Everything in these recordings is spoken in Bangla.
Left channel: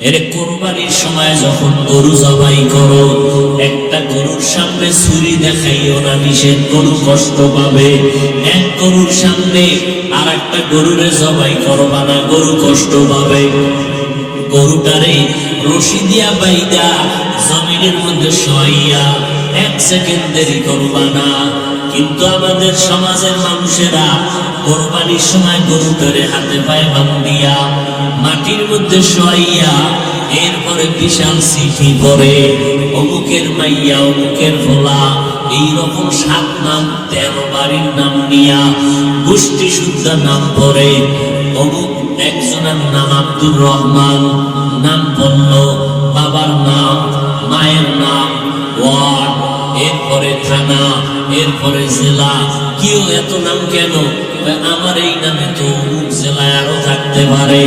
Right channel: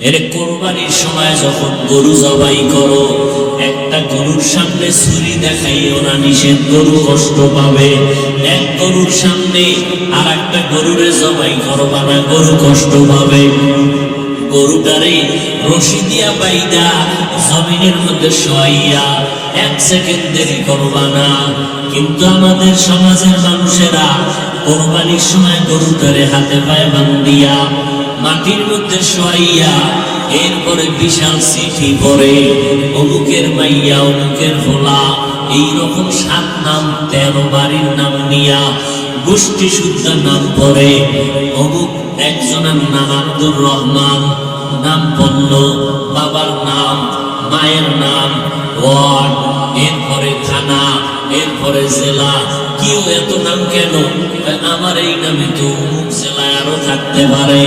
এর কোরবানির সময় যখন গরু জবাই করো, একটা গরুর সামনে ছুরি দেখাইও না, নিষেধ। গরু কষ্ট পাবে। এক গরুর সামনে আর একটা গরুরে জবাই করবা না, গরু কষ্ট পাবে। গরুটারে রশি দিয়া বাইদা জমিনের মধ্যে শোয়াইয়া 1 সেকেন্ড দেরি করবা না। কিন্তু আমাদের সমাজের মানুষেরা কোরবানির সময় গরুটারে হাতে পায়ে বান্ধিয়া মাটির মধ্যে শোয়াইয়া এরপরে বিশাল চিঠি পড়ে, অমুকের মাইয়া, অমুকের ভোলা, এইরকম 7 নাম 13 বাড়ির নাম নিয়া গোষ্ঠী শুদ্ধা নাম পড়ে। অমুক একজনের নাম আব্দুর রহমান, নাম বলল, বাবার নাম, মায়ের নাম, ওয়ার্ড, এরপরে থানা, এরপরে জেলা। কেউ এত নাম কেন? আমার এই নামে তো অমুক জেলায় আরো থাকতে পারে।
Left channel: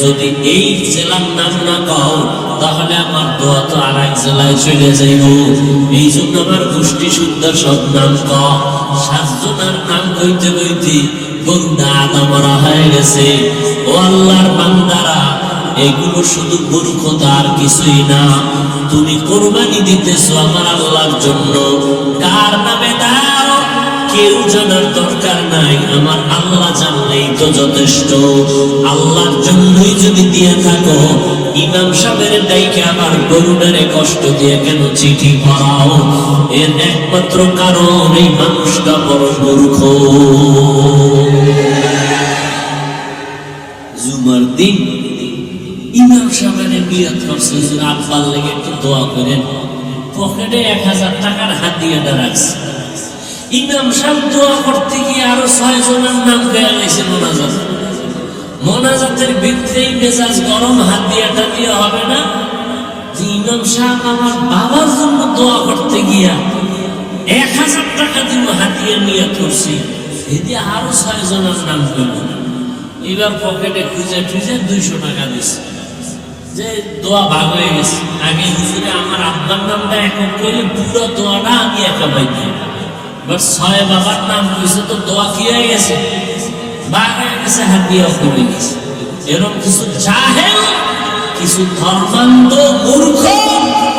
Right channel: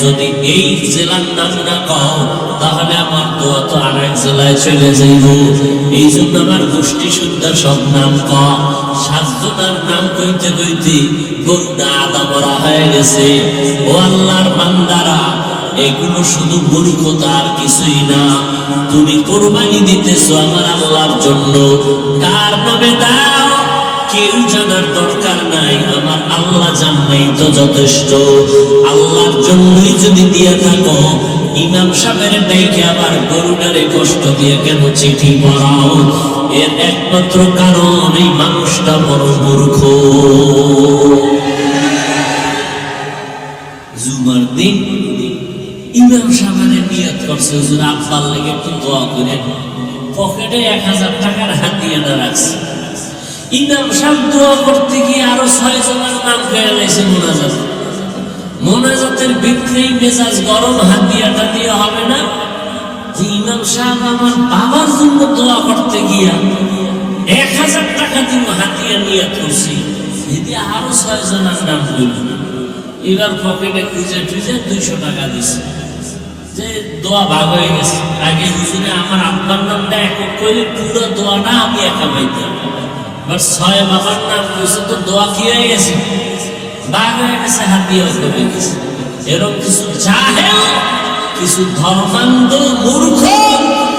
যদি এই জেলার নাম না পাও তাহলে আমার দোয়া তো আর এক জেলায় চলে যাইব। এই জন্য আমার গোষ্ঠী সুন্দর সব নাম কম। 7 জনের নাম কইতে কইতে গরুটা আদা মারা হয়ে গেছে। ও আল্লাহর বান্দারা, এগুলো শুধু মূর্খতা আর কিছুই না। তুমি কোরবানি দিতেছো আমার আল্লাহর জন্য, কার নামে দাও কেউ জানার দরকার নাই, আমার আল্লাহ জানলেই তো যথেষ্ট। আল্লাহর জন্যই যদি দিয়ে থাকো, ইমাম সাহেবের ডাইকে আবার গরুটারে কষ্ট দিয়ে কেন চিঠি পড়াও? এর একমাত্র কারণ এই মানুষটা বড় মূর্খ। জুমার দিন ইমাম সাহেবের নিয়ত করছে, হুজুর আব্বার লেগে একটু দোয়া করেন। পকেটে 1000 টাকার হাতিয়াটা রাখছে। ইমাম সাহেব দোয়া করতে গিয়ে আরো 6 জনের নাম পেয়ে গেছে মোনাজাত। মোনাজাতের ভিতরেই মেজাজ গরম, হাতিয়াটা দিয়ে হবে না। ইমাম সাহেব আমার বাবার জন্য দোয়া করতে গিয়া 1000 টাকা দিব হাতিয়া নিয়ে তুলছি, এতে আরো 6 জনের নাম পেল। এবার পকেটে খুঁজে খুঁজে 200 টাকা দিছে, যে দোয়া ভাগ হয়ে গেছে। আগে হুজুরে আমার আব্বার নামটা একক কইলে পুরো দোয়াটা আমি একা পাইতাম। 6 বাবার নাম কইছে তো দোয়া কি হয়ে গেছে, ভাগ হয়ে গেছে, হাত দিয়ে কমে গেছে। এরকম কিছু জাহেল, কিছু ধর্মান্ধ মূর্খ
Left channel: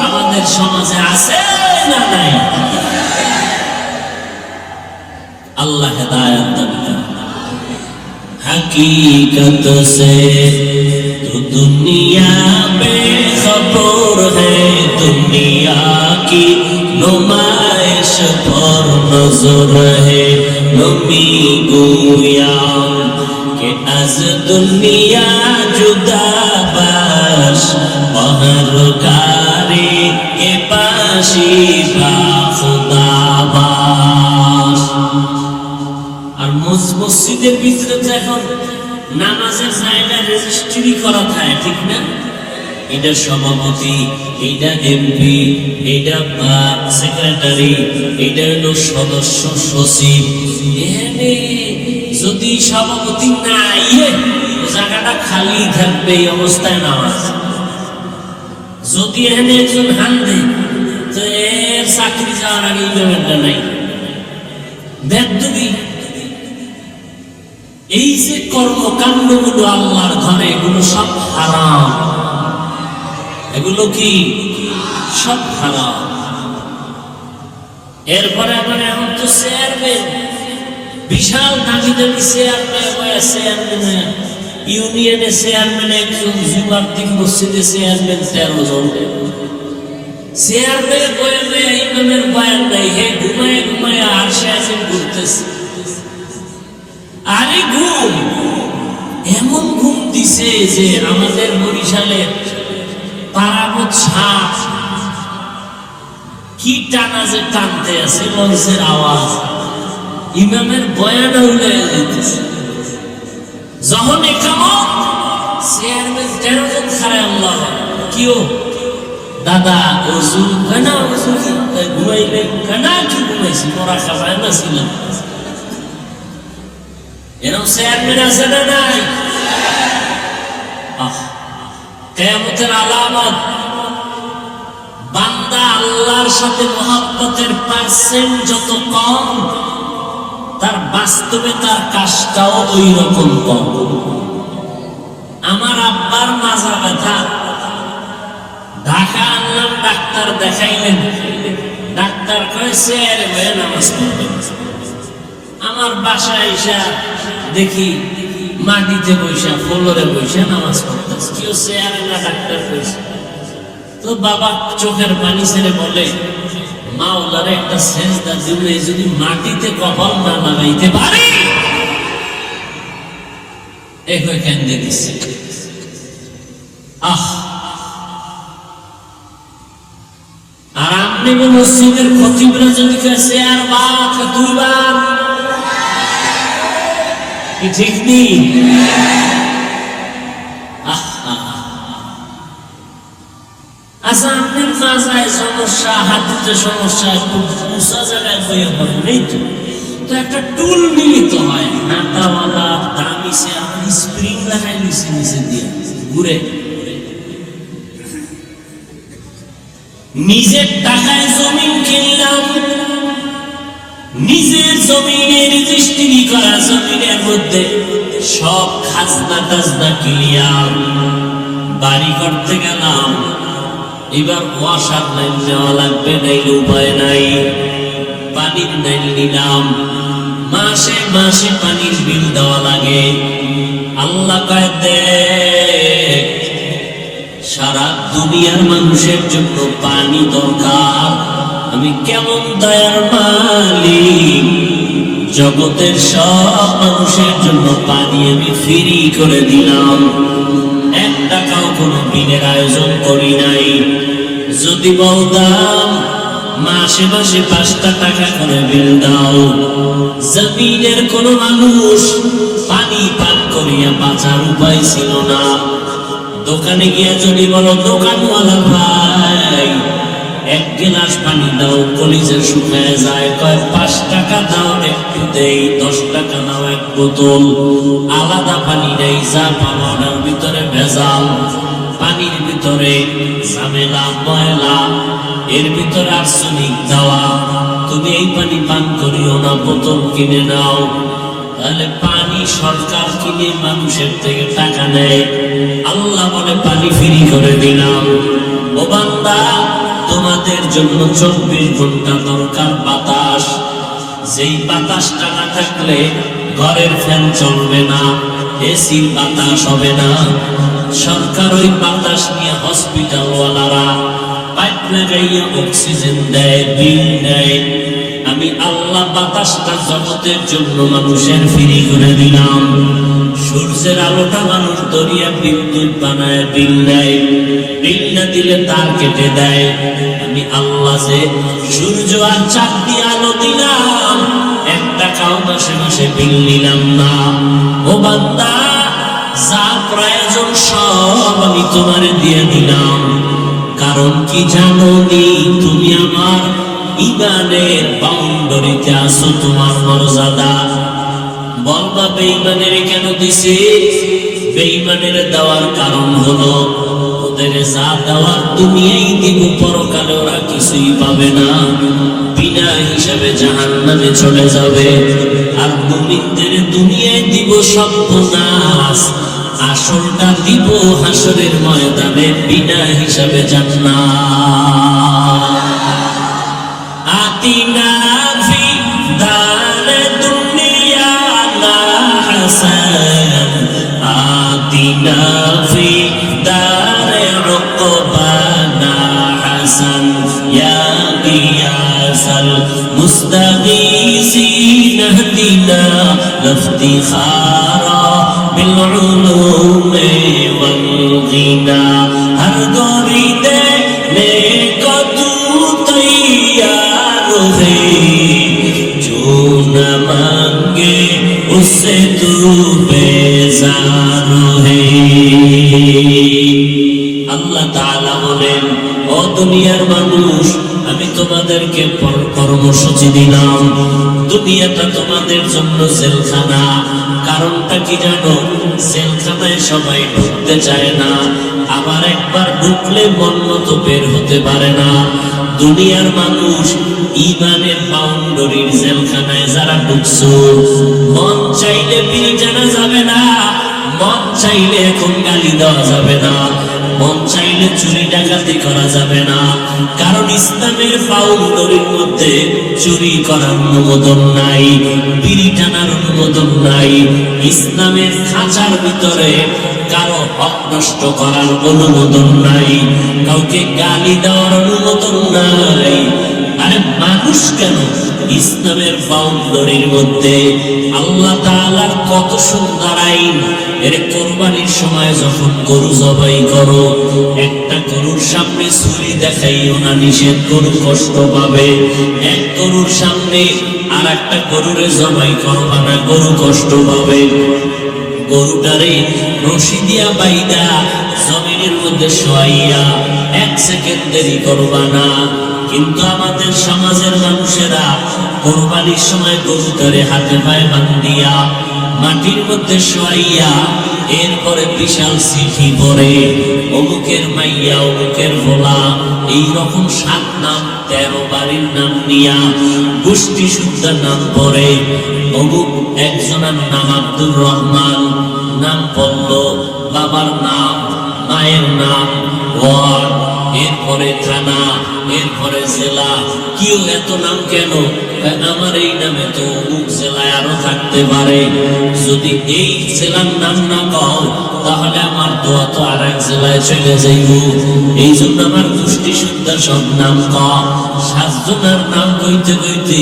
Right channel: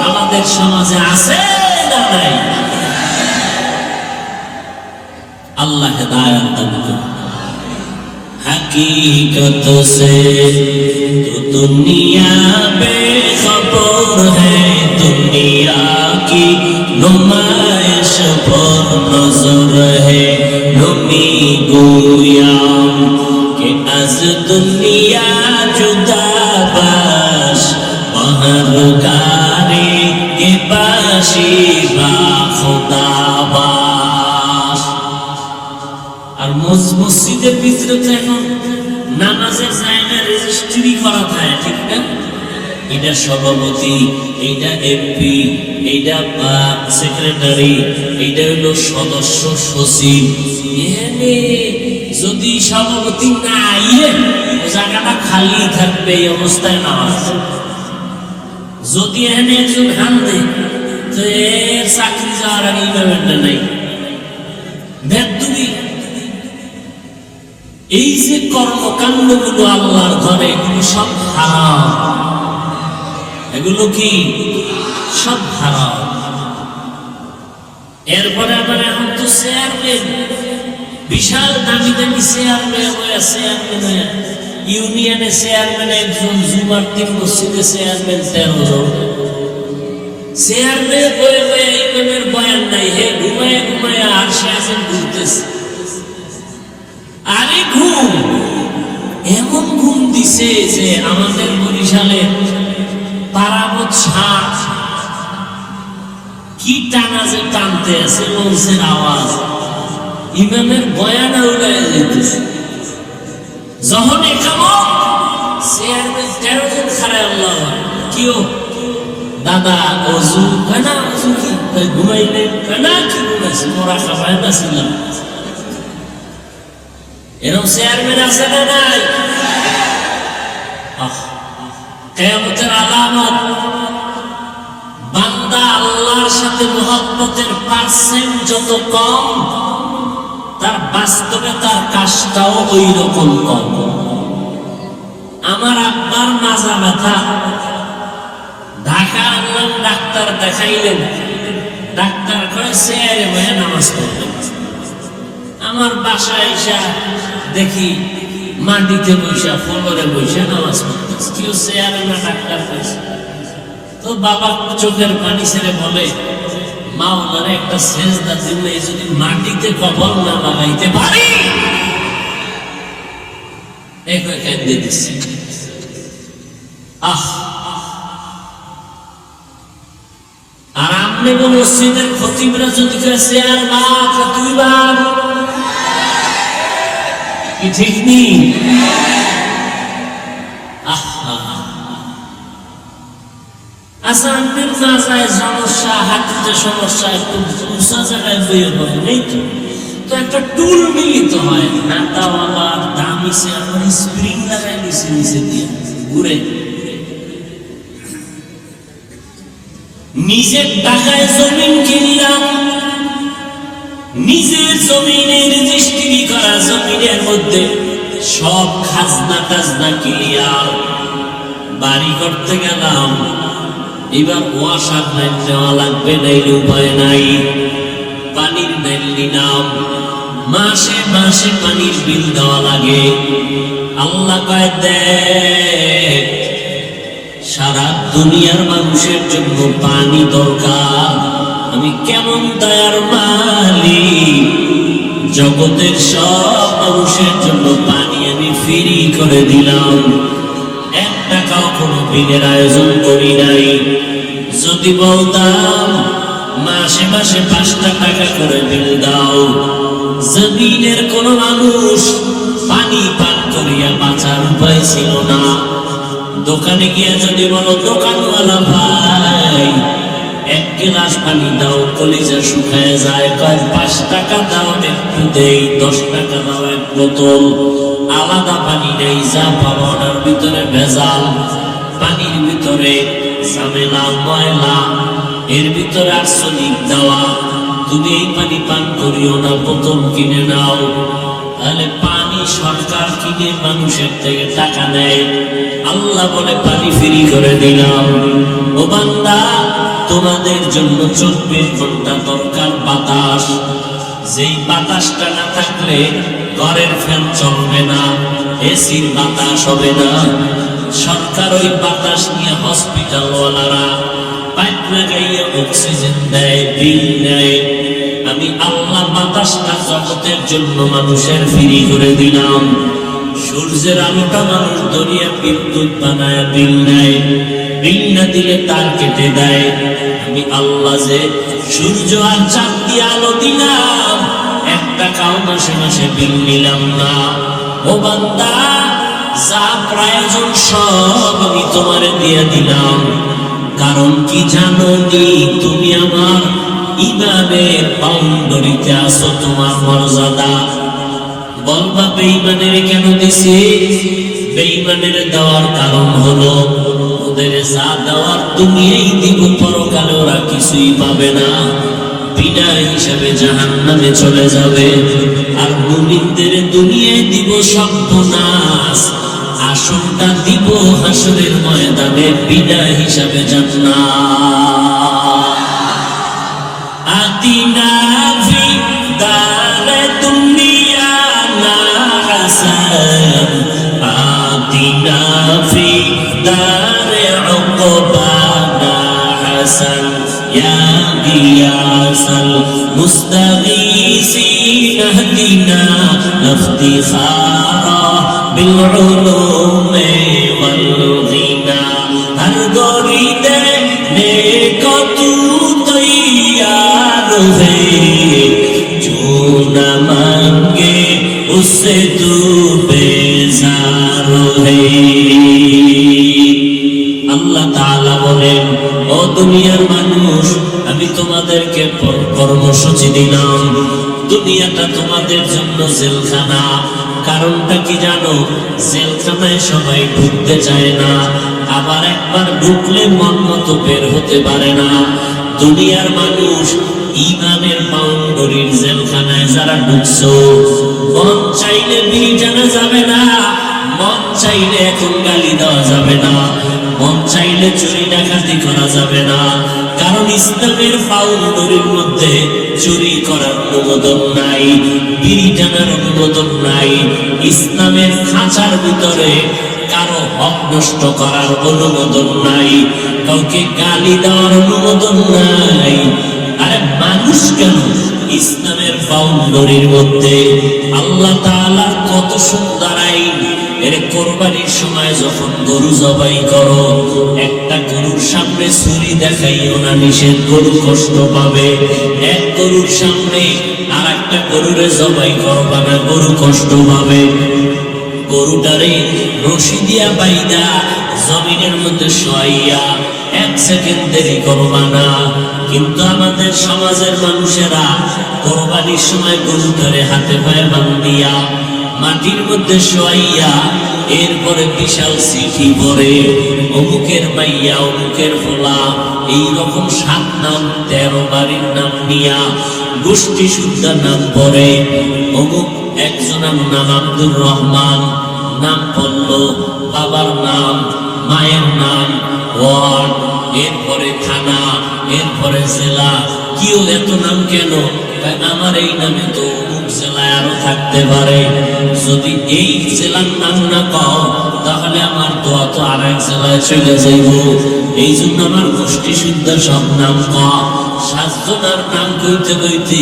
আমাদের সমাজে আছে না নাই? আল্লাহ হেদায়েত দান করুন। हकीकत से तो दुनिया बेखबर है, दुनिया की नुमाइश पर नजर है। नमी गोया कि आज दुनिया जुदा बाश, महरगारी के बाशी बा खुदा बाश। আর মসজিদের ভিতরে তো এখন নামাজের জায়গা রেজিস্ট্রি করা থাকে, ঠিক না? এটা সভাপতি, এইটা এমপি, এইটা সেক্রেটারি, এইটা হলো সদস্য সচিব। এখানে যদি সভাপতি না আইয়ে জায়গাটা খালি থাকবে, এই অবস্থায় নামাজ। যদি এখানে একজন হান দেয় তো এর চাকরি যাওয়ার আগে এই ব্যাপারটা নাই। বেদবি এই যে কর্মকাণ্ডগুলো আল্লাহর ঘরে, এগুলো সব হারাম। এগুলো কি সব হারাম। এরপরে আবার এখন তো চেয়ারম্যান, বিশাল দামি দামি চেয়ারম্যান, ইউনিয়নে চেয়ারম্যান একজন, জুমার দিন মসজিদে চেয়ারম্যান 13 জন। চেয়ারম্যান বয়ে বয়ে ইমামের বয়ান নাই, হে ঘুমায় ঘুমায় আরশে আজিম করতেছে। আরে ঘুম, এমন ঘুম দিছে যে আমাদের বরিশালে পারাবত শাহ কি টানা যে টানতে আছে, লঞ্চের আওয়াজ ইমামের বয়ানে উড়াইয়া যেতেছে। যখন একামত চেয়ারম্যান 13 জন খাড়ায়, আল্লাহ কিও দাদা ওযু কেনা, ওযু কি ঘুমাইলে কেনা, কি ঘুমাইছি, মোরা খাবায় না ছিলাম। এরকম চেয়ারম্যান আছে না নাই? কিয়ামতের আলামত, বান্দা আল্লাহর সাথে মুহাব্বতের পার্সেন্ট যত কম, তার বাস্তবে তার কাজটাও ওই রকম কম। আমার আব্বার মাজা ব্যথা, ঢাকা আনলাম, ডাক্তার দেখাইলেন। ডাক্তার কয় চেয়ারে বসে নামাজ পড়বেন। আমার বাসায় এসে দেখি মাটিতে বসে, ফ্লোরে বসে নামাজ পড়তেছে। কেউ চেয়ারে না, ডাক্তার কইছে। তো বাবা চোখের পানি ছেড়ে বলে, মাওলার একটা সেজদা দিলে যদি মাটিতে কপাল না লাগাইতে পারি, কেঁদে দিচ্ছে। আহ, আর আপনি মসজিদের খতিবরা যদি কেছে আর বাপ দুইবার, কি ঠিক নেই? আচ্ছা, আপনি মাজায় সমস্যা, হাতিতে সমস্যা, একটু উঁচা জায়গায় বইয়ে নেই তো, তো একটা টুল মিলিত হয়, হাতাওয়ালা দামি সে আপনার স্প্রিং লাগাই নিচে নিচে দিয়ে ঘুরে। নিজের টাকায় জমিন কিনলাম, নিজের জমিনের রেজিস্ট্রি করা জমিনের মধ্যে সব খাজনা টাজনা ক্লিয়ার, বাড়ি করতে গেলাম। এবার ওয়াসার লাইন নেওয়া লাগবে, নাইলে উপায় নাই। পানির লাইন নিলাম, মাসে মাসে পানির বিল দেওয়া লাগে। আল্লাহ কয় দেখ, সারা দুনিয়ার মানুষের জন্য পানি দরকার, আমি কেমন দয়ার মালিক, জগতের সব মানুষের জন্য পানি আমি ফ্রি করে দিলাম। এক টাকাও কোনো বিলের আয়োজন করি নাই। যদি বলতাম মাসে মাসে 5টা টাকা করে বিল দাও, জমিনের কোন মানুষ পানি পান করিয়া বাঁচার উপায় ছিল না। দোকানে গিয়া যদি বলো, দোকানওয়ালা ভাই 1 গ্লাস পানি দাও, কলিজা শুকায় যায়। কয় 5 টাকা দাও, একটু দেই। 10 টাকা দাও, 1 বোতল। আলাদা পানি নেই, যা পাবো ওটার ভিতরে ভেজাল, পানির ভিতরে ঝামেলা ময়লা, এর ভিতরে আর্সেনিক দেওয়া। তুমি এই পানি পান করিও না, বোতল কিনে নাও। তাহলে পানি সরকার কিনে মানুষের থেকে টাকা নেয়, আল্লাহ বলে পানি ফ্রি করে দিলাম। ও বান্দা, তোমাদের জন্য 24 ঘন্টা দরকার বাতাস। যেই বাতাসটা না থাকলে ঘরের ফ্যান চলবে না, এসির বাতাস হবে না। সরকার ওই বাতাস নিয়ে হসপিটাল ওয়ালারা পাইপ লাগাইয়া অক্সিজেন দেয়, বিল দেয়। আমি আল্লাহ বাতাসটা জগতের জন্য মানুষের ফ্রি করে দিলাম। সূর্যের আলোটা মানুষ দরিয়া বিদ্যুৎ বানায়, বিল দেয়। বিল না দিলে তার কেটে দেয়। আমি আল্লাহ যে সূর্য আর চাঁদ দিয়ে আলো দিলাম, 1 টাকাও মাসে মাসে বিল নিলাম না। ও বান্দা, যা প্রয়োজন সব আমি তোমার দিয়ে দিলাম। কারণ কি জানো নি, তুমি আমার ইমানের বাউন্ডারিতে আছো, তোমার মর্যাদা। বলবা বেঈমানের কেন দিছে? বেঈমানের দেওয়ার কারণ হলো, ওদের যা দেওয়ার দুনিয়ায় দিব, পরকালে ওরা কিছুই পাবে না, বিনা হিসাবে জাহান্নামে চলে যাবে। আর মুমিনদের দুনিয়ায় দিব সর্বনাশ, আসলটা দিব হাসরের ময়দানে বিনা হিসাবে জান্নাত। আতিনা ফি দারে দুনিয়া না হাসান, আতিনা ফি দারে উকবানা হাসান, ইয়া গিয়াসাল মুস্তাগীসিন ইহদিনা ইফতিখারা বিল উলুমি ওয়াল গিনা। হর গরিদে নেকো তু তৈয়ার है, जो न मांगे उससे तू बेजार है। আল্লাহ তাআলা বলেন, ও দুনিয়ার মানুষ, আমি তোমাদেরকে কর্মসূচি দিলাম। দুনিয়াটা তোমাদের জন্য জেলখানা। কারণটা কি জানো? জেলখানায় সবাই ঢুকতে চায় না, আবার একবার ঢুকলে মন মতো বের হতে পারে না। দুনিয়ার মানুষ ঈমানের বাউন্ডারির জেলখানায় যারা ঢুকছো, মন চাইলে বিড়ি টানা যাবে না, মন চাইলে এখন গালি দেওয়া যাবে না, মন চাইলে চাইলে চুরি ডাকাতি করা যাবে না, কারণ ইসলামের বাউন্ডারির মধ্যে চুরি করার অনুমোদন নাই, বিড়ি টানার অনুমোদন নাই, ইসলামের খাঁচার ভিতরে কারো হক নষ্ট করার অনুমোদন নাই, কাউকে গালি দেওয়ার অনুমোদন নাই। আরে মানুষ কেন, ইসলামের বাউন্ডারির মধ্যে আল্লাহ তাআলার কত সুন্দর আইন। এর কোরবানির সময় যখন গরু জবাই করো, একটা গরুর সামনে ছুরি দেখাইও না, নিষেধ, গরু কষ্ট পাবে। এক গরুর সামনে আর একটা গরুরে জবাই করবা না, গরু কষ্ট পাবে। গরুটারে রশি দিয়া বাইদা জমিনের মধ্যে শোয়াইয়া 1 সেকেন্ড দেরি করবা না। কিন্তু আমাদের সমাজের মানুষেরা কোরবানির সময় গরুটারে হাতে পায়ে বান্ধিয়া মাটির মধ্যে শোয়াইয়া এরপরে বিশাল চিঠি পড়ে, অমুকের মাইয়া, অমুকের ভোলা, এইরকম 7 নাম 13 বাড়ির নাম নিয়া গোষ্ঠী শুদ্ধা নাম পড়ে। অমুক একজনের নাম আব্দুর রহমান, নাম পড়ল, বাবার নাম, মায়ের নাম, ওয়ার্ড, এরপরে থানা, এরপরে জেলা। কেউ এত নাম কেন? আমার এই নামে তো অমুক জেলায় আরো থাকতে পারে, যদি এই জেলার নাম না কও তাহলে আমার দোয়া তো আর এক জেলায় চলে যাইব। এই জন্য আমার গোষ্ঠী শুদ্ধা সব নাম কম। 7 জনের নাম কইতে কইতে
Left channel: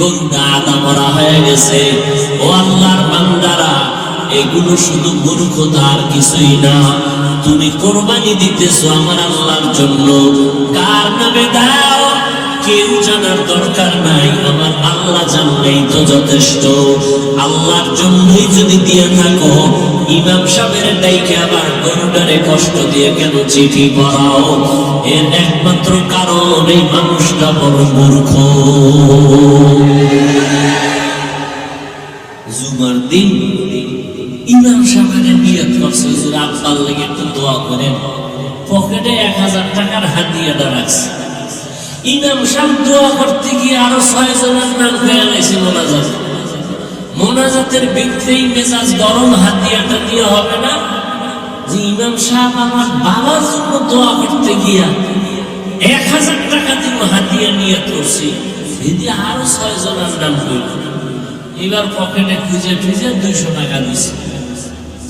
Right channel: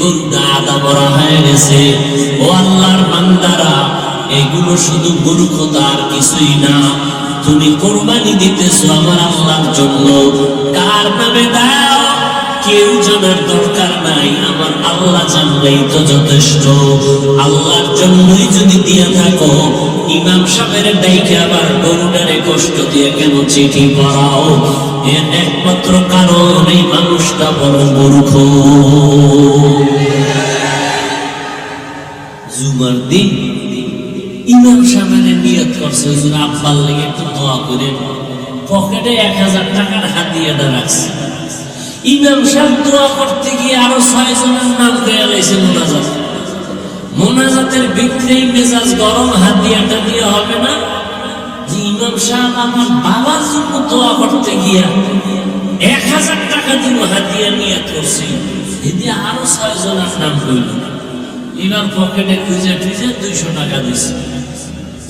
গরুটা আদা মরা হয়ে গেছে। ও আল্লাহর বান্দারা, এগুলো শুধু মূর্খতা আর কিছুই না। তুমি কোরবানি দিতেছো আমার আল্লাহর জন্য, কার নামে দাও কেউ জানার দরকার নাই, আমার আল্লাহ জানলেই তো যথেষ্ট। আল্লাহর জন্যই যদি দিয়া থাকো, ইমাম সাহেবের ডাইকে আবার গরুটারে কষ্ট দিয়ে কেন চিঠি পড়াও? এর একমাত্র কারণ এই মানুষটা বড় মূর্খ। জুমার দিন ইমাম সাহেবের নিয়ত করছে, হুজুর আব্বার লেগে একটু দোয়া করেন, পকেটে 1000 টাকার হাদিয়াটা রাখছে। ইমাম সাহেব দোয়া করতে গিয়ে আরো 6 জনের নাম দেয়া হয়েছে মোনাজাত। মোনাজাতের বিক্রেই মেজাজ গরম, হাদিয়াটা দিয়ে হবে না যে ইমাম সাহেব আমার বাবার জন্য দোয়া করতে গিয়া 1000 টাকা দিব হাদিয়া নিয়ত করছি, এদি আরো 6 জনের নাম কইল। এবার পকেটে খুঁজে খুঁজে 200 টাকা দিছে,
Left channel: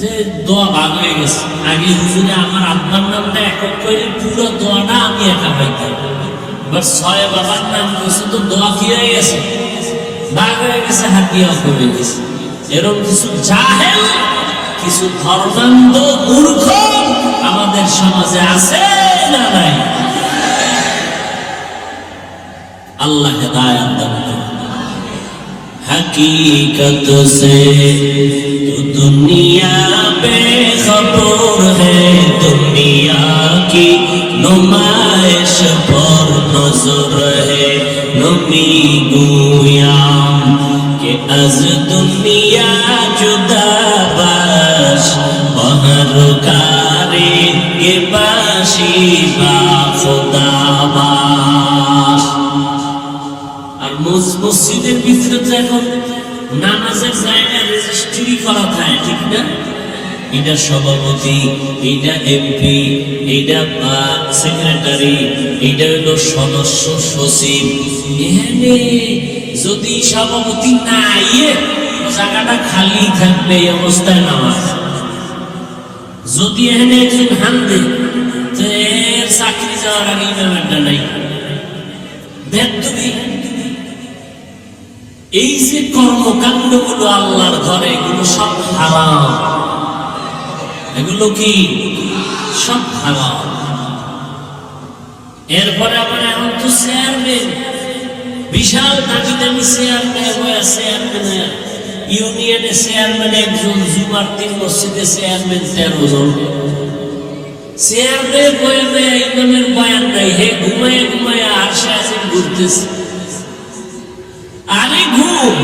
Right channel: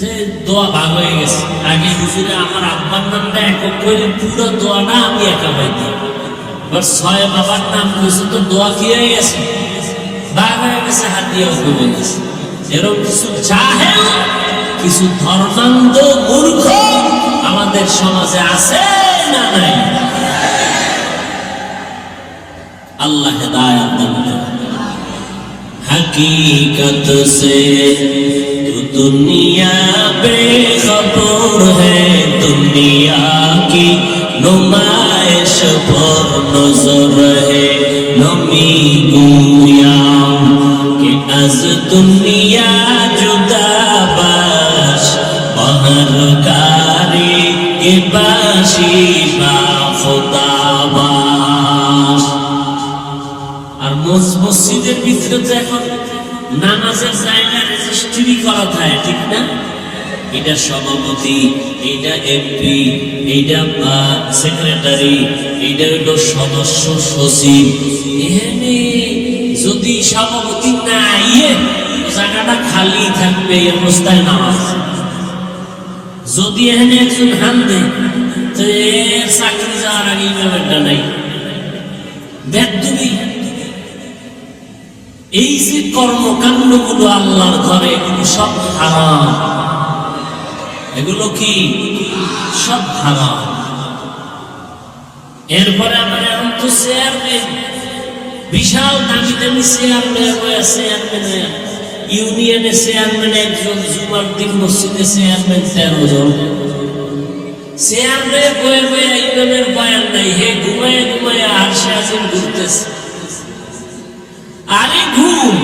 যে দোয়া ভাগ হয়ে গেছে। আগে হুজুরে আমার আব্বার নামটা একক করে পুরো দোয়াটা আমি একা পাইতাম, এবার 6 বাবার নাম কইছে তো দোয়া কি হয়ে গেছে, ভাগ হয়ে গেছে, হাদিয়াও কমে গেছে। এরকম কিছু জাহেল, কিছু ধর্মান্ধ মূর্খ আমাদের সমাজে আছে না নাই? আল্লাহ হেদায়েত দান করুন। हकीकत से तू दुनिया बेखबर है, दुनिया की नुमाइश पर नजर है। नमी गुयाम के अज दुनिया जुदा बाश, बहर कारी के बाशी बाफुताबाश। আর মসজিদের ভিতরে তো এখন নামাজের জায়গা রেজিস্ট্রি করা থাকে, ঠিক না? এটা সভাপতি, এটা এমপি, এটা সেক্রেটারি, এটা হলো সদস্য সচিব। যদি সভাপতি না আইয়ে জায়গাটা খালি থাকবে, এই অবস্থায় নামাজ। যদি এখানে একজন হান দেয় তো চাকরি যাওয়ার আগে ইমামেরটা নাই, বেদবি। এই যে কর্মকাণ্ড গুলো আল্লাহর ঘরে, এগুলো সব হারাম। এগুলো কি সব হারাম। এরপরে আবার এখন তো চেয়ারম্যান, বিশাল দামি দামি চেয়ারম্যান, ইউনিয়নের চেয়ারম্যান একজন, জুমার দিন মসজিদে চেয়ারম্যান 13 জন। চেয়ারম্যান বয়ে ইমামের বয়ান নাই, হে ঘুমাইয়া ঘুমাইয়া আর সাজিম করতেছে। আরে ঘুম,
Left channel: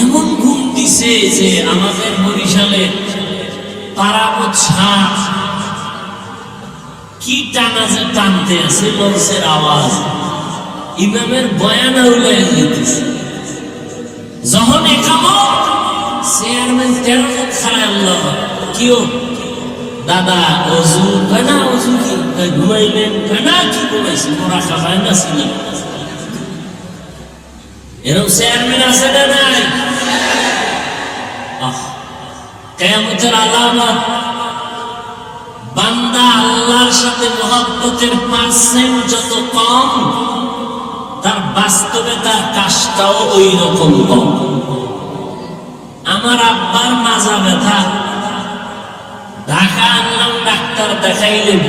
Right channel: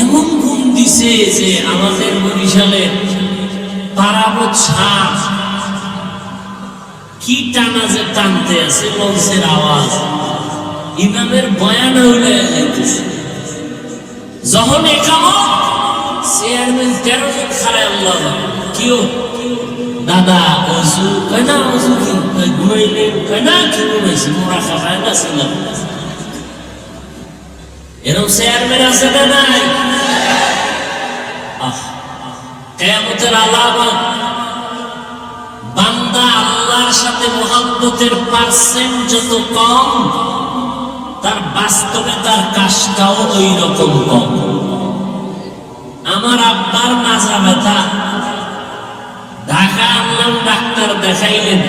এমন ঘুম দিছে যে আমাদের বরিশালে পারাবত শাহ কি টানা যে টানতে আছে, মঞ্চের আওয়াজ, ইমামের বয়ান হইলে যেতেছে। যখন একামত চেয়ারম্যান 13 জন খারায়, আল্লাহ কিও দাদা ওযু কেনা ওযু কি ঘুমাইলেন কেনা কি ঘুমাইছি মোরা খাবাই না ছিলাম এরকম চেয়ারম্যান আছে না নাই কিয়ামতের আলামত বান্দা আল্লাহর সাথে মুহাব্বতের পার্সেন্ট যত কম তার বাস্তবে তার কাজটাও ওই রকম কম আমার আব্বার মাজা ব্যথা ঢাকা আনলাম ডাক্তার দেখাইলেন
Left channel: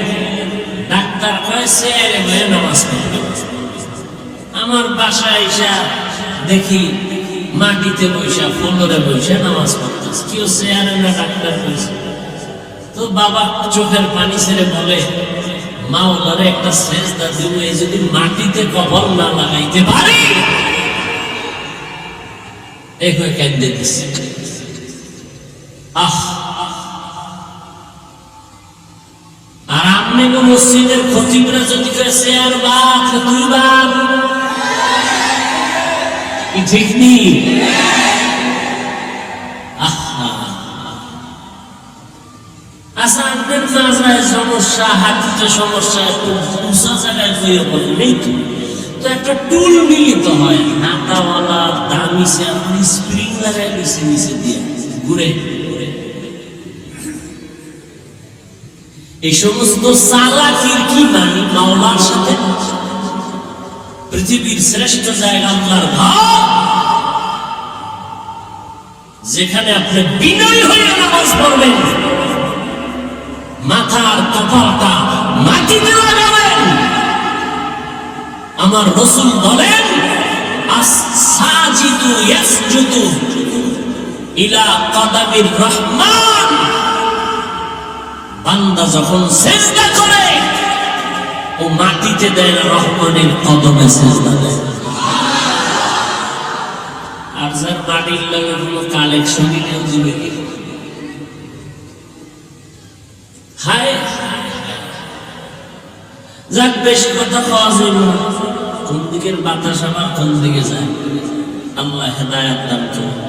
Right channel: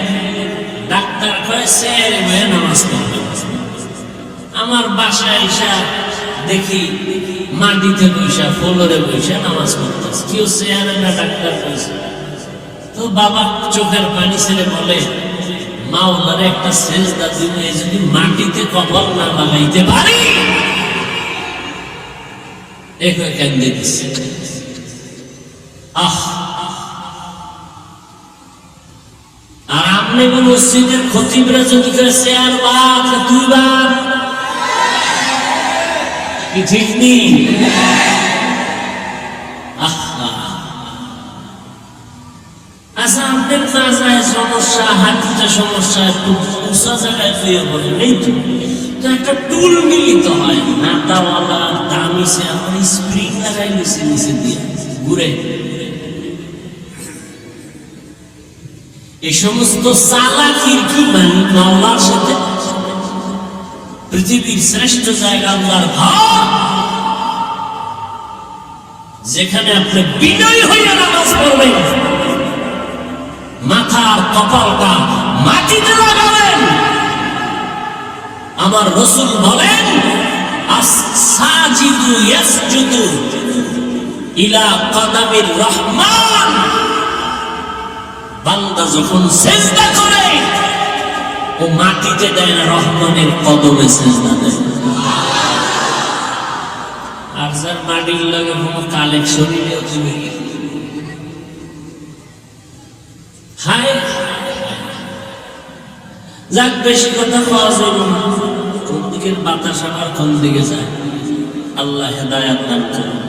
ডাক্তার কয় স্যার মেয়ে নামাজ পড়বে আমার বাসায় এসে দেখি মাটিতে বসে ফ্লোরে বসে নামাজ পড়তেছে কেউ চেয়ারে না ডাক্তার বসে তো বাবা চোখের পানি ছেড়ে বলে মাওলারে একটা সেজদা দিব এই যদি মাটিতে কবর না লাগাইতে পারি এখন কেঁদে দিচ্ছে আর আপনি মসজিদের খতিবরা যদি করে চেয়ার বাদ দুইবার কি ঠিক নেই আচ্ছা আপনার মাজায় সমস্যা হাঁটুতে সমস্যা একটু উঁচা জায়গায় হয়ে বললেই তো একটা টুল মিলিত হয় হাতাওয়ালা দামি সে আপনি স্প্রিং লাগাই নিচে নিচে দিয়ে ঘুরে এই সমস্ত চালাকির কি মানি মাওলার সাথে পৃথিবীর শ্রেষ্ঠ জায়গা আল্লাহর ঘর যেখানে আপনি বিনয় হইয়া নামাজ পড়বেন মাথার কপালটা মাটিতে লাগাবেন আমার রাসূল বলেন আস-সাজিদু ইয়াসজুদু ইলা কদামির রহমান বান্দা যখন সিজদা করে ও মাটিতে দেয় রহমানের কদমে সিজদা দেয় আর যার মাটির লগে কোনো কালেকশনই নেই জীবনে হায় যাক বেশি কথা পাওয়া যায় না কোন দিকের বাতাস আবার কোন দিকে যায় আল্লাহ হেদায়েত দান করুন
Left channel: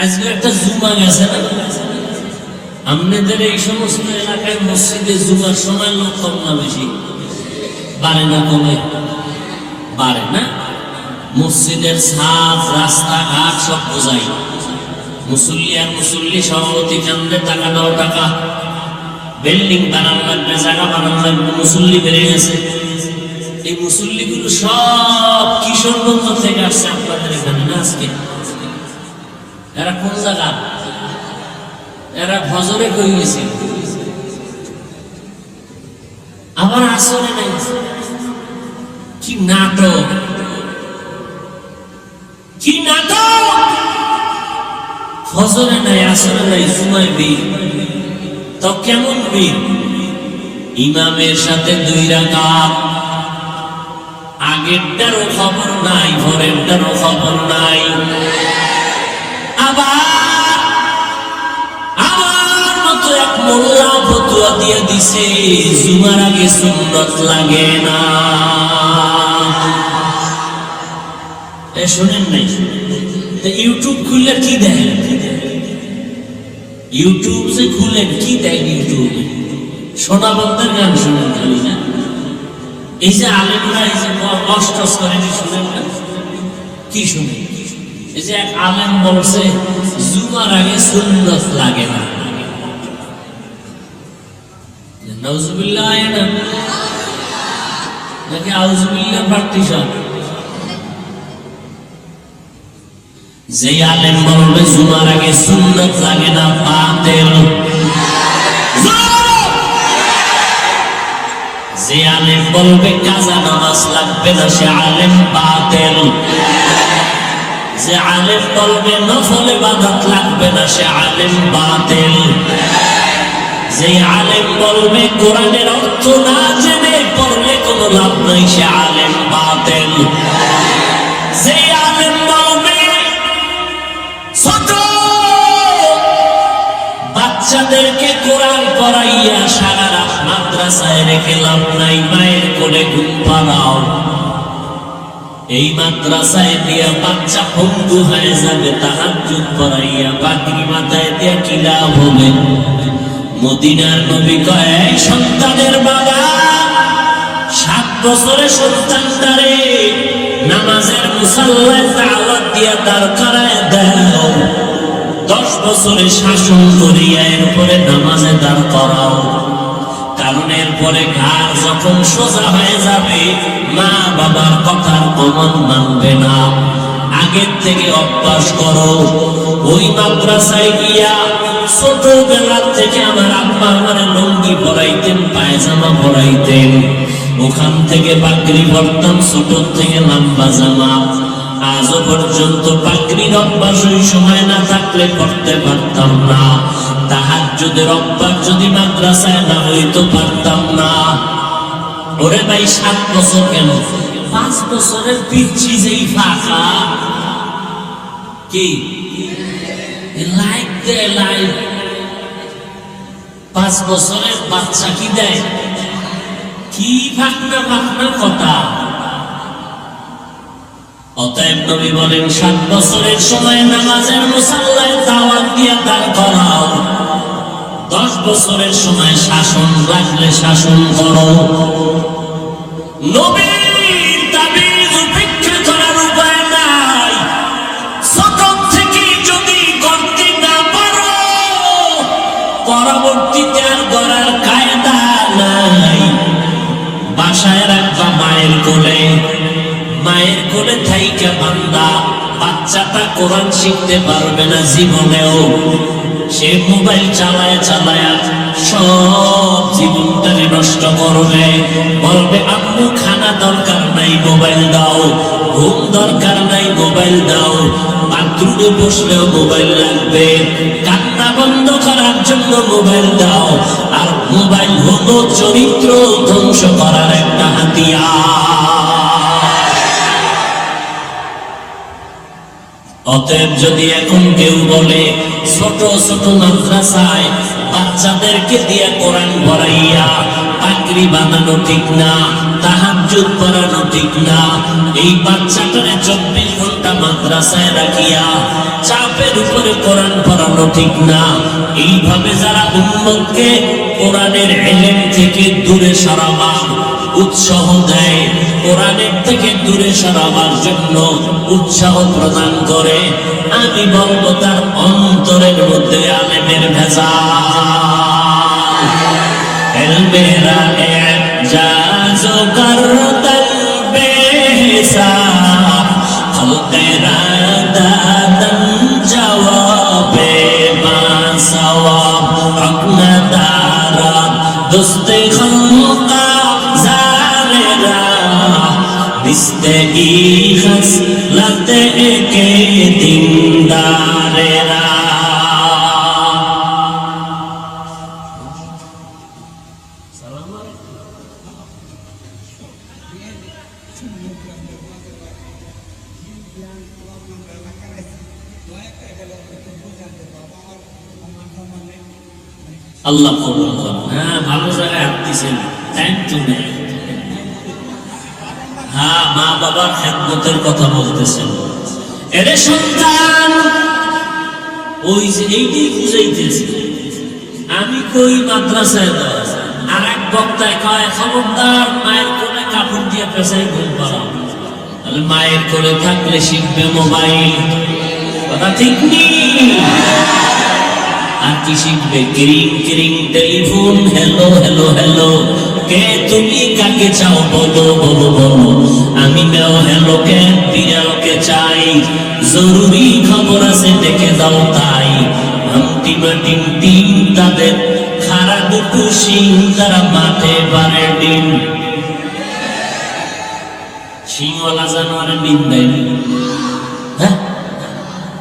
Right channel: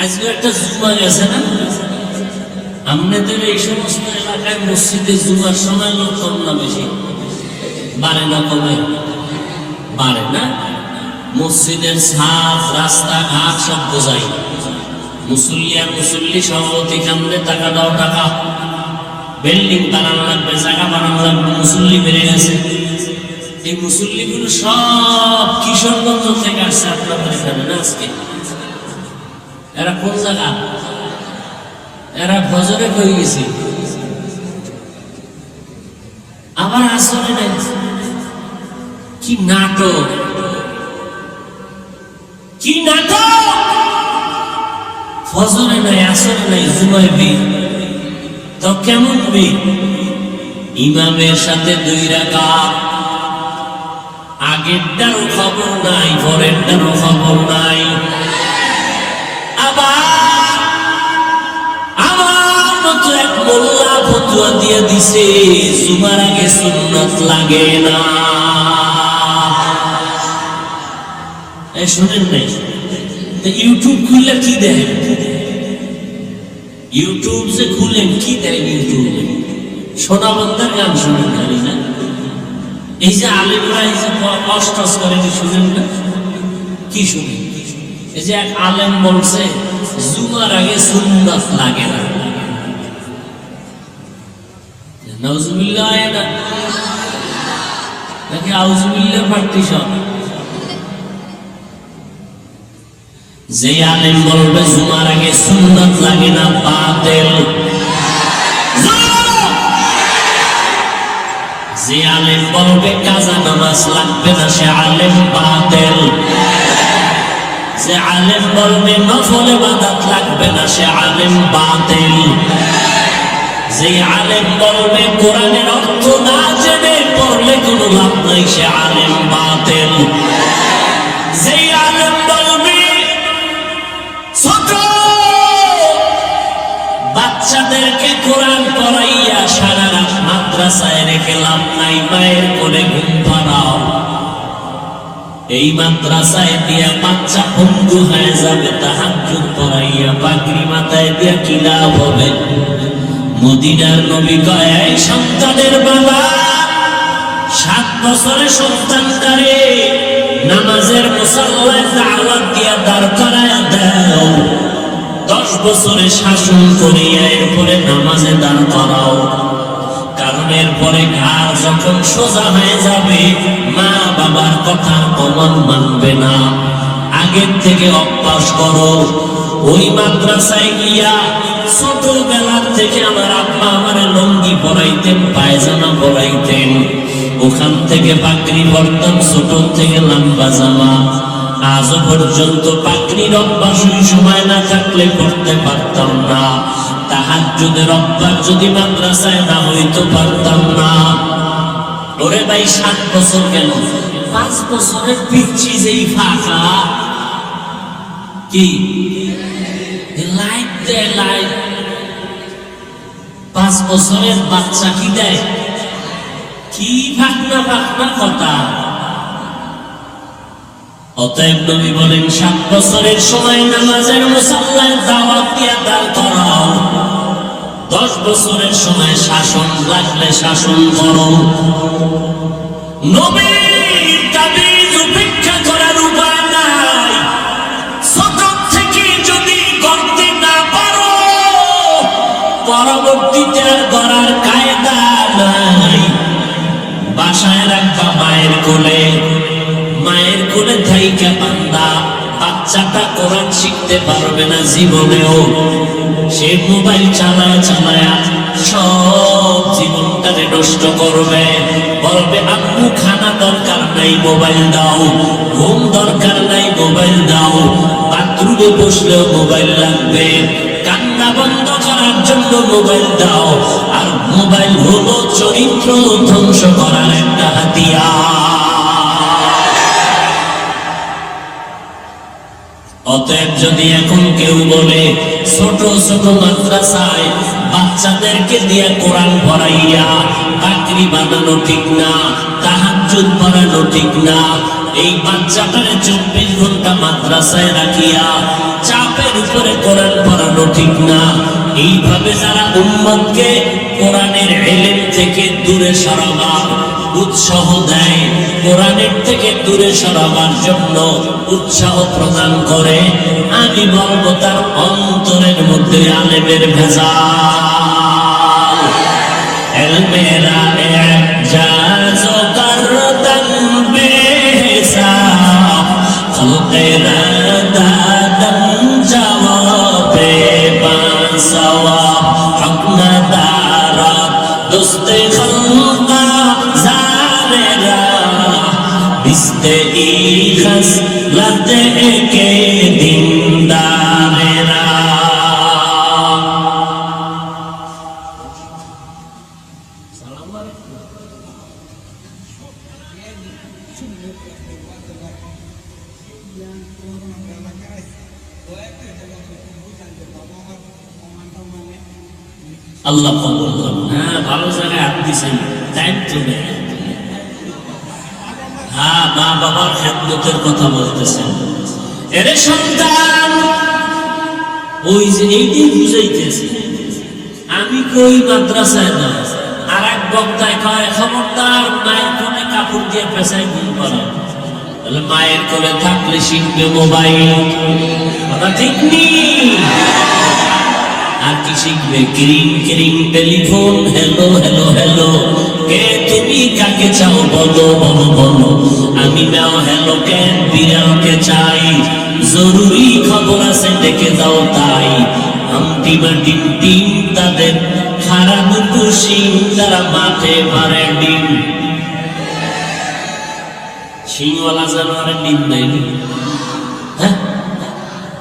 আজকে একটা জুমা গেছে না আমাদের এই সমস্ত এলাকায় মসজিদে জুমার সময় লোক কম না বেশি বাড়ে না কমে বাড়ে না মসজিদের ছাদ রাস্তাঘাট সব বোঝাই মুসল্লি আর মুসল্লি সভাপতি কান্দে টাকা দাও টাকা বিল্ডিং বানানো লাগবে জায়গা বানানো লাগবে মুসল্লি বেড়ে গেছে এই মুসল্লিগুলো সব কিশোরগঞ্জ থেকে আসছে আপনাদের এখানে না আজকে এরা কোন জায়গা এরা ফজরে হয়ে গেছে আবার আসরে নাই কি নাটক কি নাটক ফজরে নাই আসরে নাই জুমায় বীর তো কেমন বীর ইমামের সাথে 2 রাকাত আগেরটারও খবর নাই পরেরটারও খবর নাই আবার আমার মতো এক মোল্লা ফতোয়া দিয়ে দিছে জুমার আগে সুন্নত লাগে না শোনেন নাই ইউটিউব খুললে কি দেয় ইউটিউব যে খুলেন কি দেয় ইউটিউব সোনাবন্ধের গান শুনেন খালি না এই যে আলেমরা এই যে অষ্টস করেন শুনেন না কি শুনেন এই যে এক আলেম বলছে জুমার আগে সুন্নাত লাগে না নাউজুবিল্লাহ আয়ানা নাকি আউজুবিল্লাহ পার্টি সব যে আলেম বলবে জুমার আগে সুন্নাত লাগে না বাতিল যে আলেম বলবে কাজা নামাজ লাগবে না সে আলেম বাতিল যে আলেম বলবে নফল ইবাদত লাগবে না সে আলেম বাতিল যে আলেম বলবে কোরআনের অর্থ না জেনে পড়লে কোনো লাভ নাই সে আলেম বাতিল যে আলেম বলবে ছোট বাচ্চাদেরকে কোরআন পড়াইয়া সারা রাত মাদ্রাসায় রেখে লাভ নাই মায়ের কোলে ঘুম পাড়াও এই মাদ্রাসায় দিয়া বাচ্চা ভঙ্গু হয়ে যাবে, তাহাজ্জুদ পড়াইয়া পাগড়ি মাথায় দিয়া কি লাভ হবে? মদিনার নবী কয়, এই সন্তানের বাবা, 7 বছরের সন্তানটারে নামাজের মুসল্লায় দাওয়াত দিয়া দাঁড় করায় দাও, 10 বছরে শাসন করিয়া এরপরে নামাজে দাঁড় করাও। কারণ এরপরে ঘাড় যখন সোজা হয়ে যাবে, মা বাবার কথার কমন মানবে না। আগের থেকে অভ্যাস করো। ওই মাদ্রাসায় গিয়া ছোটবেলার থেকে আমার আব্বা আমার লুঙ্গি পরাইতেন, পায়জামা পরাইতেন, ওখান থেকে পাগড়ি পরতাম, ছোট থেকে লম্বা জামা। আজও পর্যন্ত পাগড়ির অভ্যাস ওই সময় না থাকলে করতে পারতাম না। তাহাজ্জুদের অভ্যাস যদি মাদ্রাসায় না হইতো পারতাম না। ওরে ভাই 7 বছর কেন, 5 বছরের পিচ্ছি যেই ফাঁকা কি লাইট দেয়, লাইট 5 বছরের বাচ্চা কি দেয়, কি ফাঁকনা ফাঁকনা কথা। অতএব নবী বলেন 7 বছরের সময় নামাজের মুসল্লায় দাওয়াত দিয়া দাঁড় করাও, 10 বছরের সময় শাসন লাগলে শাসন করো। নবীর তাবিজ উপেক্ষা করার উপায় নাই। ছোট থেকে যদি করতে না পারো, পরবর্তীতে আর করার কায়দা নাই। বাসায় রাখবা মায়ের কোলে, মায়ের কোলে থাইকা বান্দা, বাচ্চাটা কোরআন শিখতে পারবে না জীবনেও। সে মোবাইল চালায় চালায় সব জীবনটাকে নষ্ট করবে। বলবে আম্মু খানা দরকার নাই, মোবাইল দাও, ঘুম দরকার নাই, মোবাইল দাও, বাথরুমে বসলেও মোবাইল লাগবে, কান্না বন্ধ করার জন্য মোবাইল দাও। আর মোবাইল হলো চরিত্র ধ্বংস করার একটা হাতিয়ার। অতএব যদি এখন কেউ বলে ছোট ছোট মাদ্রাসায় বাচ্চাদেরকে দিয়ে কোরআন পড়াইয়া পাগড়ি বানানো ঠিক না, তাহাজ্জুদ পড়ানো ঠিক না, এই বাচ্চাটারে 24 ঘন্টা মাদ্রাসায় রাখিয়া চাপের উপরে কোরআন পড়ানো ঠিক না। এইভাবে যারা উম্মতকে কোরআনের ইলম থেকে দূরে সরাবার উৎসাহ দেয়, কোরআনের থেকে দূরে সরাবার জন্য উৎসাহ প্রদান করে, আমি বলবো তার অন্তরের মধ্যে আলেমের ভেজাল। এলমেরা এজাজো করতান বেহিসাব, খলকেরা দাদান জওয়াবে বাসওয়াব, হক না দারাত দুস্তে খলকা জারেরা, বিস্তে ই খসলতে কে দিনদারেরা। আল্লাহ কবুল করুন। হ্যাঁ, ভালো জায়গায় আপনিছেন, টাইম তো নেই। হ্যাঁ, মা বাবার খেদমতের কথা বলতেছেন। এরে সন্তান, ওই যে এইটাই বুঝাইতেছি আমি, কই মাদ্রাসায় দাও। আর এক বক্তায় কয়, খবরদার মায়ের কোলে কাপড় দিয়ে পেশাই ঘুম পড়াও। মায়ের কোলে থাকলে শিখবে মোবাইল, কথা ঠিক নেই। আর কি শিখবে? ক্রিং ক্রিং টেলিফোন, হ্যালো হ্যালো হ্যালো, কে তুমি কাকে চাও বলো বলো বলো, আমি নাও হ্যালো কেন বিড়ালকে চাই, জরুরি খবর আছে ডেকে দাও তাই। হামটিমা টিম টিম তাদের খাড়া দুটো সিং, তারা মাঠে পারে ডিম। সিংওয়ালা জানোয়ারের ডিম দেয়নি। হ্যাঁ,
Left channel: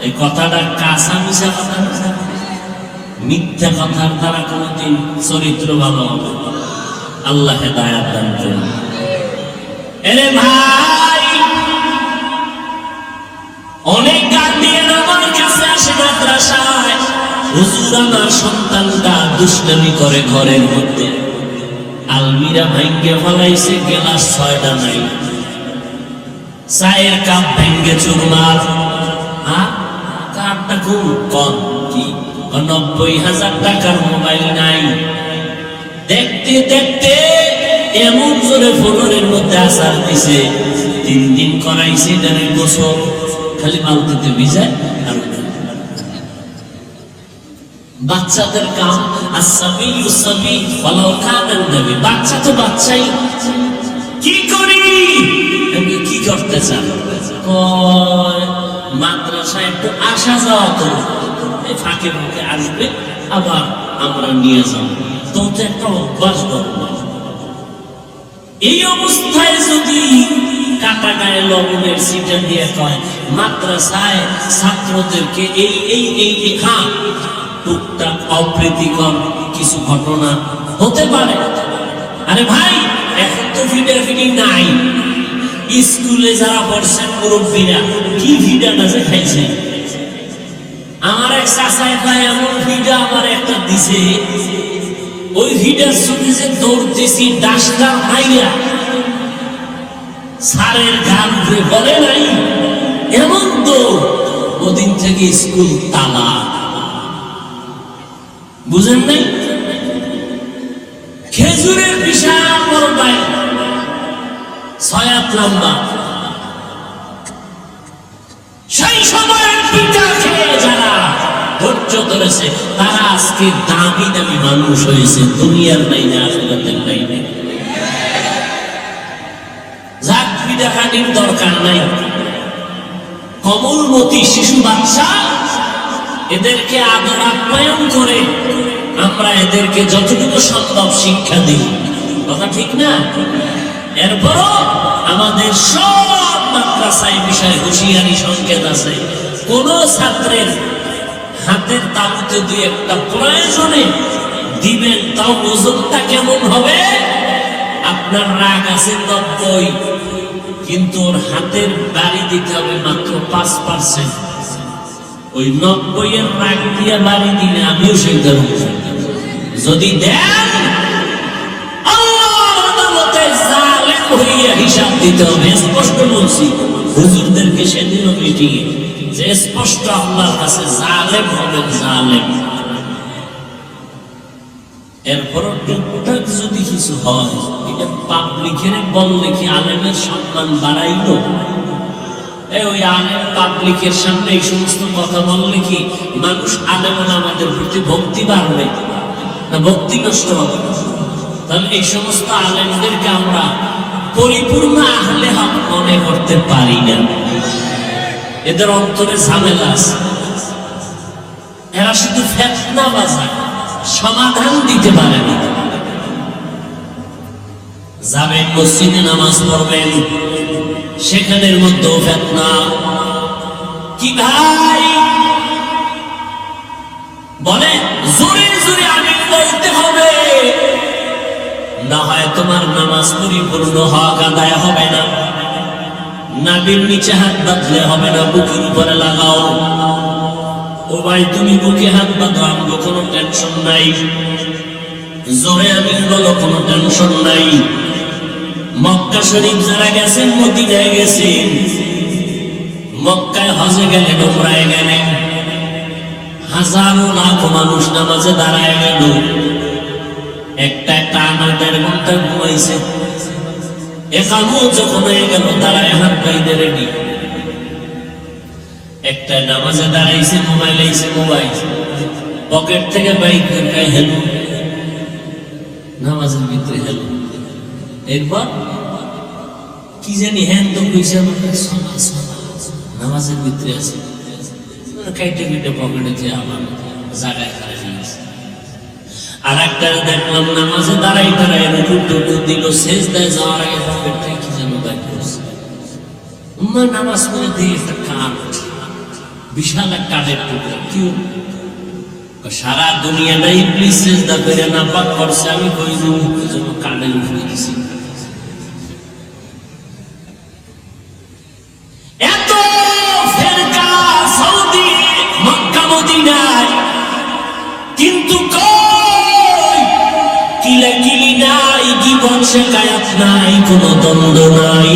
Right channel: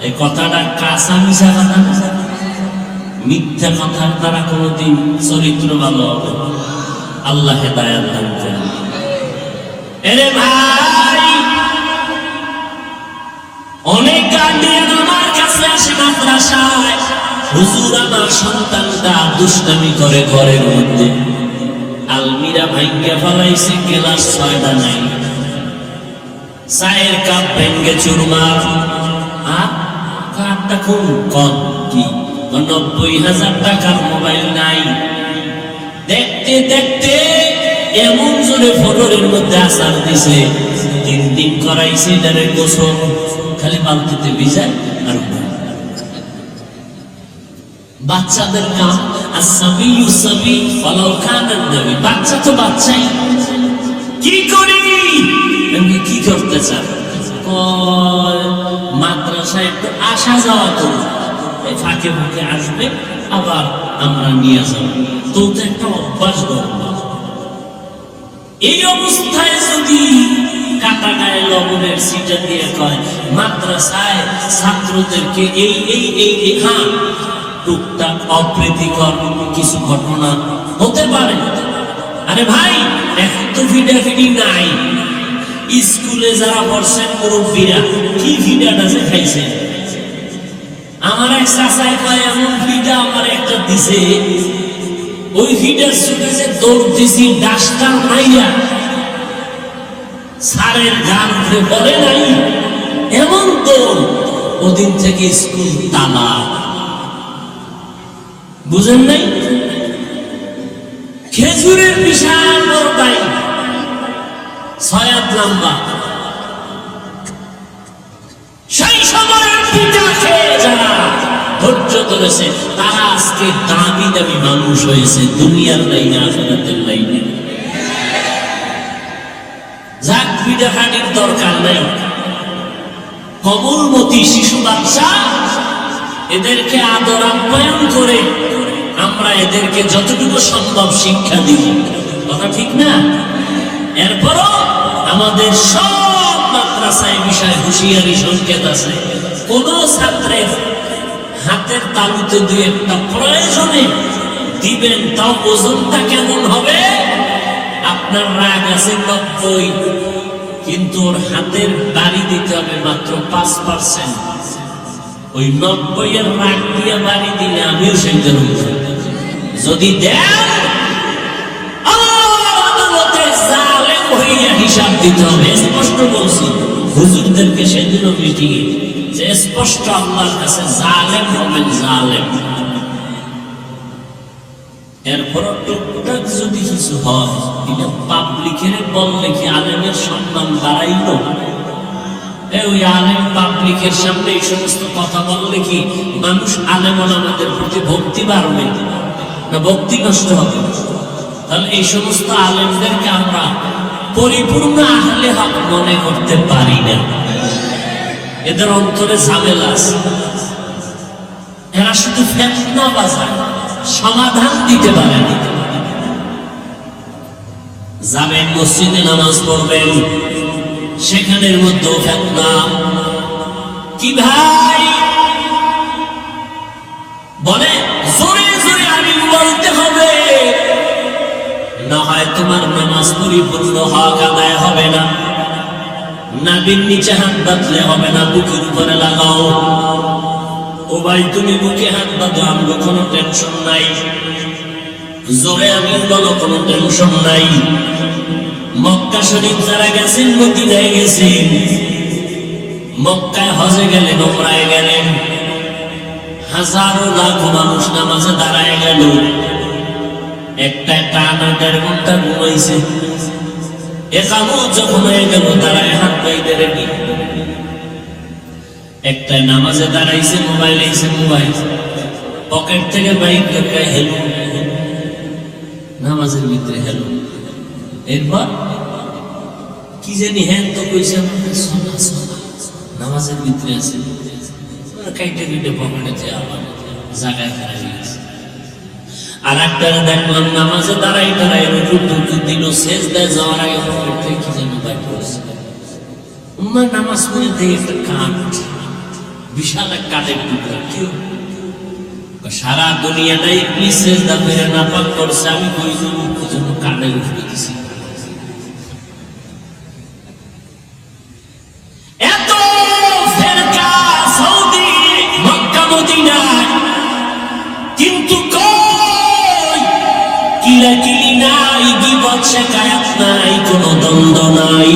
এই কথাটা কাঁচা মিশা কথা, মিথ্যা কথার দ্বারা কোনদিন চরিত্র ভালো হবে। আল্লাহ হেদায়েত দান করুন। এরে ভাই, অনেক গার্ডিয়ান আমার কাছে আসে মাদ্রাসায়, হুজুর আমার সন্তানটা দুষ্টামি করে ঘরের মধ্যে, আলমিরা ভাঙ্গা ফেলাইছে, ক্লাস 6টা নাই, চায়ের কাপ ভেঙ্গে চুরমার। কারটা কোন কন কি 90,000 টাকার মোবাইল নাই। দেখতে দেখতে এমন জোরে ফোনের মধ্যে আসার দিছে, 3 দিন করাইছে এটারে গোসল, খালি বালতিতে ভিজায় আর বাচ্চাদের কাম। আসবি ইউসবি ফলো কানান নবী, বাচ্চা তো বাচ্চাই। কি করি আমি, কি করতে চান? মাদ্রাসায় একটু আসা যাওয়া তো, এই ফাঁকে ফাঁকে আসবে, আবার আমরা নিয়ে যাব, তো একটা অভ্যাস করব। এই অবস্থায় যদি কাটা গায়ে লবণের সিটা দিয়ে কয় মাদ্রাসায় ছাত্রদেরকে এই এই এই হ্যাঁ টুকটাক অপ্রীতিকর কিছু ঘটনা হতে পারে। আরে ভাই, এখন তো ফিডাফিডি নাই। স্কুলে যারা পড়ছে মুরব্বীরা কি ফিডাটা যে খাইছে, আমার এক চাচায় কয় এমন ফিডা আমার একটা দিছে, ওই ফিডার চোখে যে দৌড় দিছি ডাস্টার মাইরা সারের গাল উঠে বলে নাই, এমন তো ওদিন থেকে স্কুল তালা। বুঝেন নাই? খেজুরের বিশাল বড় টাই, 6 হাত লম্বা, সেই সময়ের পিঠা খেয়ে যারা ধৈর্য ধরেছে তারা আজকে দামি দামি মানুষ হয়েছে, দুনিয়ার লাইনে আখিরাতের লাইনে। যাক, পিঠা খাটির দরকার নাই। কমলবতী শিশু বাচ্চা, এদেরকে আদর আপ্যায়ন করে আমরা এদেরকে যতটুকু সম্ভব শিক্ষা দিই, কথা ঠিক না? এরপরও আমাদের সব মাদ্রাসায় বিষয় হুঁশিয়ারি সংকেত আছে। কোন ছাত্রের হাতের তালুতে 2-1টা প্রয়োজনে দিবেন, তাও ওজনটা কেমন হবে? আপনার রাগ আছে 90, কিন্তু ওর হাতের বাড়ি দিতে হবে মাত্র 5%। ওই 90-এর রাগ দিয়ে বাড়ি দিলে আমিও সেই ধরুন। যদি দেন আল্লাহর আদালতে জালেম হইয়া হিসাব দিতে হবে। স্পষ্ট বলছি হুজুরদেরকে সেদিনও মিটিংয়ে, যে স্পষ্ট আল্লাহর কাছে জালেম হবেন, জালেম। এরপর টুকটাক যদি কিছু হয়, এটা পাবলিকের বললে কি আলেমের সম্মান বাড়াইল? ওই আলেম পাবলিকের সামনে এই সমস্ত কথা বললে কি মানুষ আলেম আমাদের প্রতি ভক্তি বাড়বে না ভক্তি নষ্ট হবে? তাহলে এই সমস্ত আলেমদেরকে আমরা পরিপূর্ণ আহলে হক মনে করতে পারি না। এদের অন্তরে ঝামেলা আছে, এরা শুধু ফেতনা বাজায়, সমাধান দিতে পারেনি। যাবেন মসজিদে নামাজ পড়বেন, সেখানের মধ্যেও ফেতনা। কি ভাই বলে জোরে জোরে আমিন বলতে হবে, না হয় তোমার নামাজ পরিপূর্ণ হক আদায় হবে না। নাবির নিচে হাত বাঁধলে হবে না, বুকের উপরে লাগাও। ও ভাই, তুমি বুকে হাত বাঁধো, আমগো কোনো টেনশন নাই। জোরে আমিন বলো, কোনো টেনশন নাই। মক্কা শরীফ যারা গেছেন, মদিনায় গেছেন, মক্কায় হজে গেলেন, ওমরায় গেলেন, হাজারো লাখো মানুষ নামাজে দাঁড়ায় গেল, একটা টানা 1.5 ঘন্টা ঘুমাইছে। এখানেও যখন হয়ে গেল দাঁড়ায় হাত পাইতে রেডি, একটা নামাজে দাঁড়াইছে, মোবাইল আইছে, মোবাইল পকেট থেকে বাইক করে হেলো, নামাজের ভিতরে হেলো। এরপর কি জানি হ্যান তো কইছে, নামাজের ভিতরে আছে, কাইটে পিটে পকেটে আবার জায়গায় খারাপ গেছে। আর একটা দেখলাম নামাজে দাঁড়াই দাঁড়াই রুকু দিল, সেজদায় যাওয়ার আগে পকেট থেকে কি যেন বাইক করেছে। নামাজ পড়ে দেখে একটা কাঠ, বিশাল এক কাঠের টুকরা। কেউ সারা দুনিয়াটাই ইবলিস সেজদা করে নাপাক করছে, আমি কই জন্য কাঠের উপরে দিছি। শেখায়াত নাই, কোনো দ্বন্দ্ব নাই।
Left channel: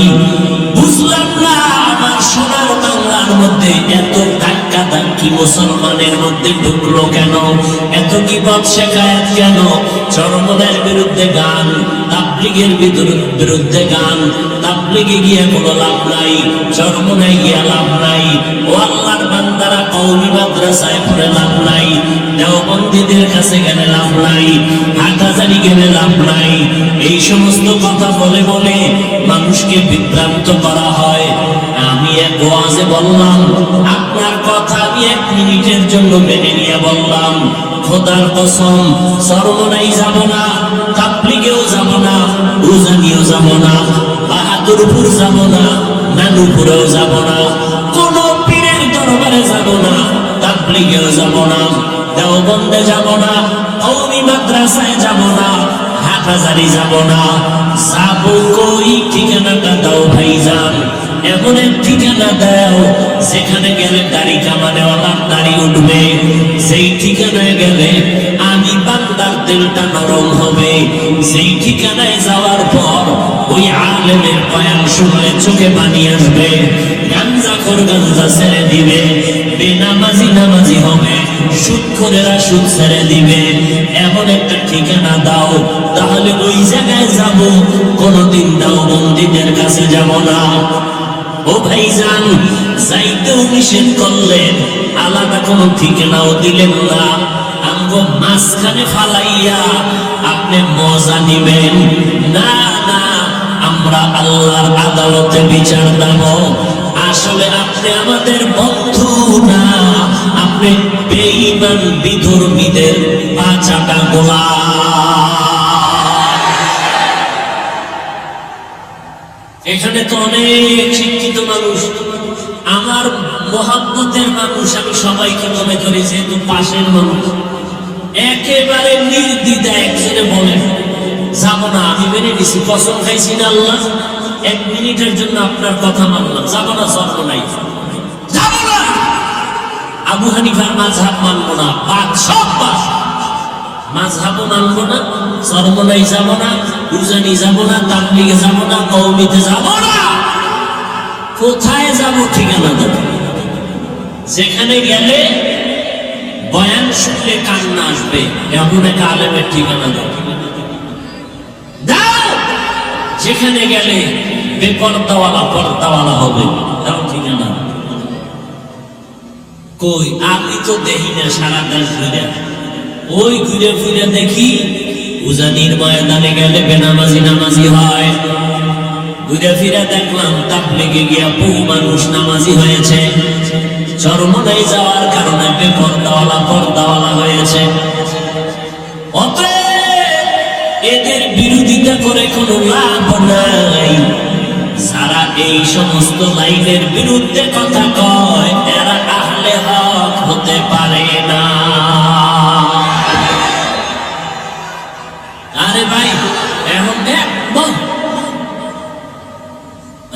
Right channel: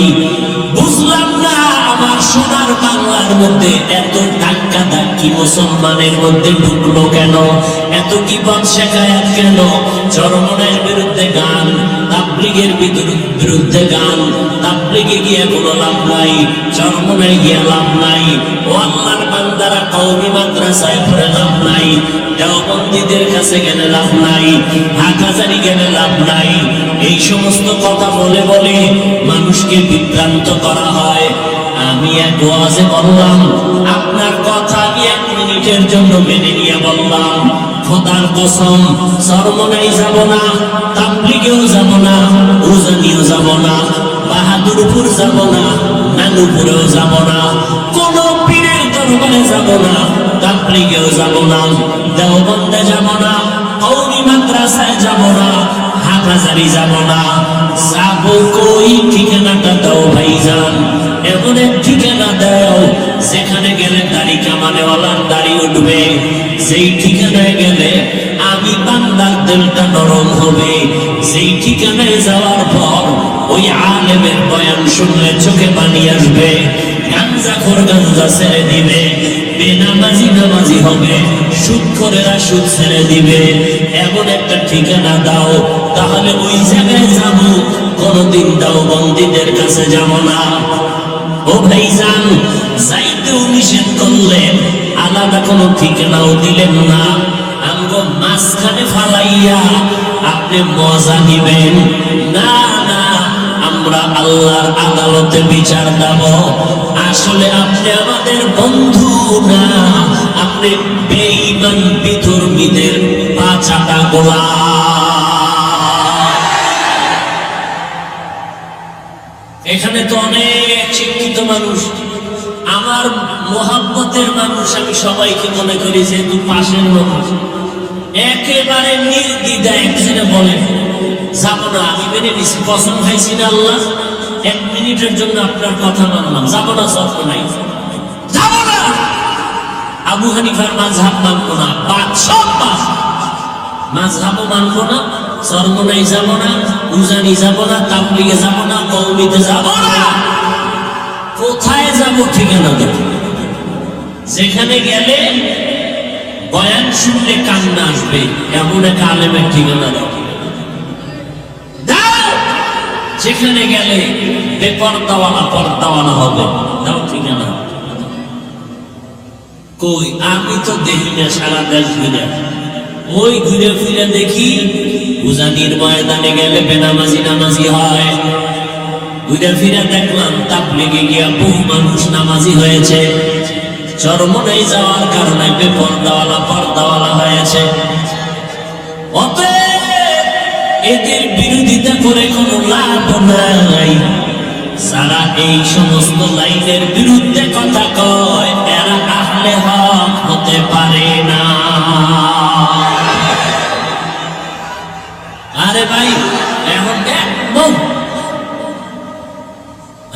বুঝলাম না আমার সোনার বাংলার মধ্যে এত ধাক্কা ধাক্কি মুসলমানের মধ্যে ঢুকলো কেন, এত কিবত শেখায়াত কেন? চরমনায়ের বিরুদ্ধে গান, তাবলীগের বিরুদ্ধে গান, তাবলীগে গিয়ে কোনো লাভ নাই, চরমনায় গিয়ে লাভ নাই। ও আল্লাহর বান্দারা, কওমি মাদ্রাসায় পড়ে লাভ নাই, দেওবন্দীদের কাছে গেলে লাভ নাই, হাটহাজারী গেলে লাভ নাই। এই সমস্ত কথা বলে বলে মানুষকে বিভ্রান্ত করা হয়। আমি এক ওয়াজে বললাম, আপনার কথা আমি 1 মিনিটের জন্য মেনে নিয়ে বললাম, খোদার কসম চরমনাই যাব না, তাবলীগেও যাব না, উজানিও যাব না, বাহাদুরপুর যাব না, নানুপুরেও যাব না, কোন পীরের দরবারে যাব না, তাবলীগেও যাব না, দেওবন্দে যাব না, কওমি মাদ্রাসায় যাব না, হাটহাজারী যাব না। যাব কই? ঠিকানাটা দাও ভাইজান, এমন এক ঠিকানা দাও যেখানে গেলে দাড়ি কামানেওয়ালার দাড়ি উঠবে, সেই ঠিকানায় গেলে আমি বান্দার দিলটা নরম হবে, সেই ঠিকানায় যাওয়ার পর ওই আলেমের বয়ান শুনলে চোখে পানি আসবে, গাঞ্জাখোর গাঞ্জা ছেড়ে দিবে, বেনামাজি নামাজি হবে, সুদখোরেরা সুদ ছেড়ে দিবে। এমন একটা ঠিকানা দাও, তাহলে ওই জায়গায় যাব, কোনদিন দেওবন্দীদের কাছে যাব না। ও ভাইজান, যাইতেও নিষেধ করলেন, আলাদা কোনো ঠিকানাও দিলেন না। আমগো মাঝখানে ফালাইয়া আপনি মজা নিবেন না? না, আমরা আল্লাহর আদালতে বিচার দেব। আসলে আপনি আমাদের বন্ধু না, আপনি বেঈমান বিধর্মীদের পাচাটা গোলাম। এখানে তো অনেক শিক্ষিত মানুষ, আমার মোহাব্বতের মানুষ, আমি সবাইকে মনে করি যেহেতু পাশের মানুষ। একেবারে নির্দ্বিধায় একজনে বলেন যাব না, আমি মেনে নিছি, কসম খাইছি না আল্লাহ, 1 মিনিটের জন্য আপনার কথা মানলাম, যাব না, স্বপ্ন নাই, যাব না। আবু হানিফার মাযহাব মানবো না, বাদ সব বাদ, মাযহাবও মানবো না, চরমনাই যাব না, উজানি যাব না, তাবলীগে যাব না, কওমিতে যাব না। কোথায় যাব? ঠিকানা দেব, যেখানে গেলে বয়ান শুনলে কান্না আসবে, এমন এক আলেমের ঠিকানা দাও। যেখানে গেলে পর্দাওয়ালা হবে, দাও ঠিকানা। কই? আমি তো দেখি না, সারা দেশ ঘুরে, ওই ঘুরে ফিরে দেখি উজানির ময়দানে গেলে বেনামাজি নামাজি হয়, ঘুরে ফিরে দেখলাম তাবলীগে গিয়া বহু মানুষ নামাজি হয়েছে, চরমনাই যাওয়ার কারণে পর্দাওয়ালা হয়েছে। অতএব এদের বিরোধিতা করে কোনো লাভ নাই। যারা এই সমস্ত লাইনের বিরুদ্ধে কথা কয়, এরা আহলে হক হতে পারে না। আরে ভাই, এখন একদম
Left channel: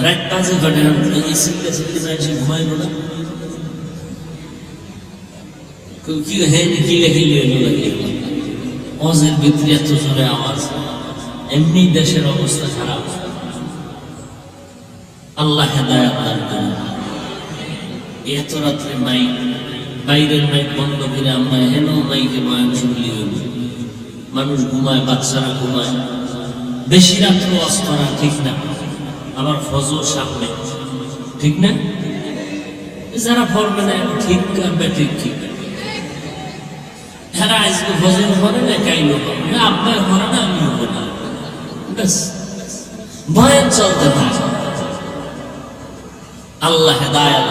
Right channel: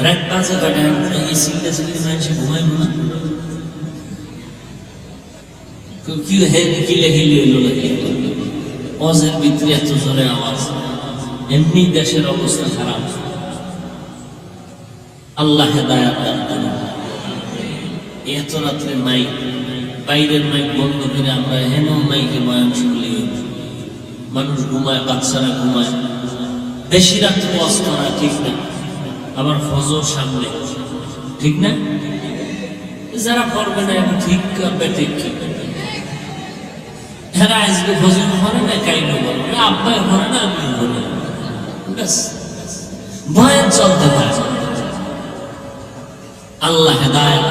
রাত বাজে কটা, সিলতে মানুষ ঘুমাইল না, অজের ভিতরে এত জোরে আওয়াজ, এমনি দেশের অবস্থা খারাপ। আল্লাহ হেদায়েত দান করেন। এত রাত্রে মাইক, বাইরের মাইক বন্ধ করে আমরা হেন মাইকে বয়ান শুনলি, মানুষ ঘুমায়, বাচ্চারা ঘুমায়, বেশি রাত্রে ওয়াজ করা ঠিক না। আবার ফজর সামনে, ঠিক না? যারা পড়বে না এখন ঠিক করবে, ঠিক কি যারা আজকে ফজর করে না, কাইলো আব্বা করে না, আমি করি, ব্যাস বয়ান চলতে থাকে। আল্লাহ হেদায়েত।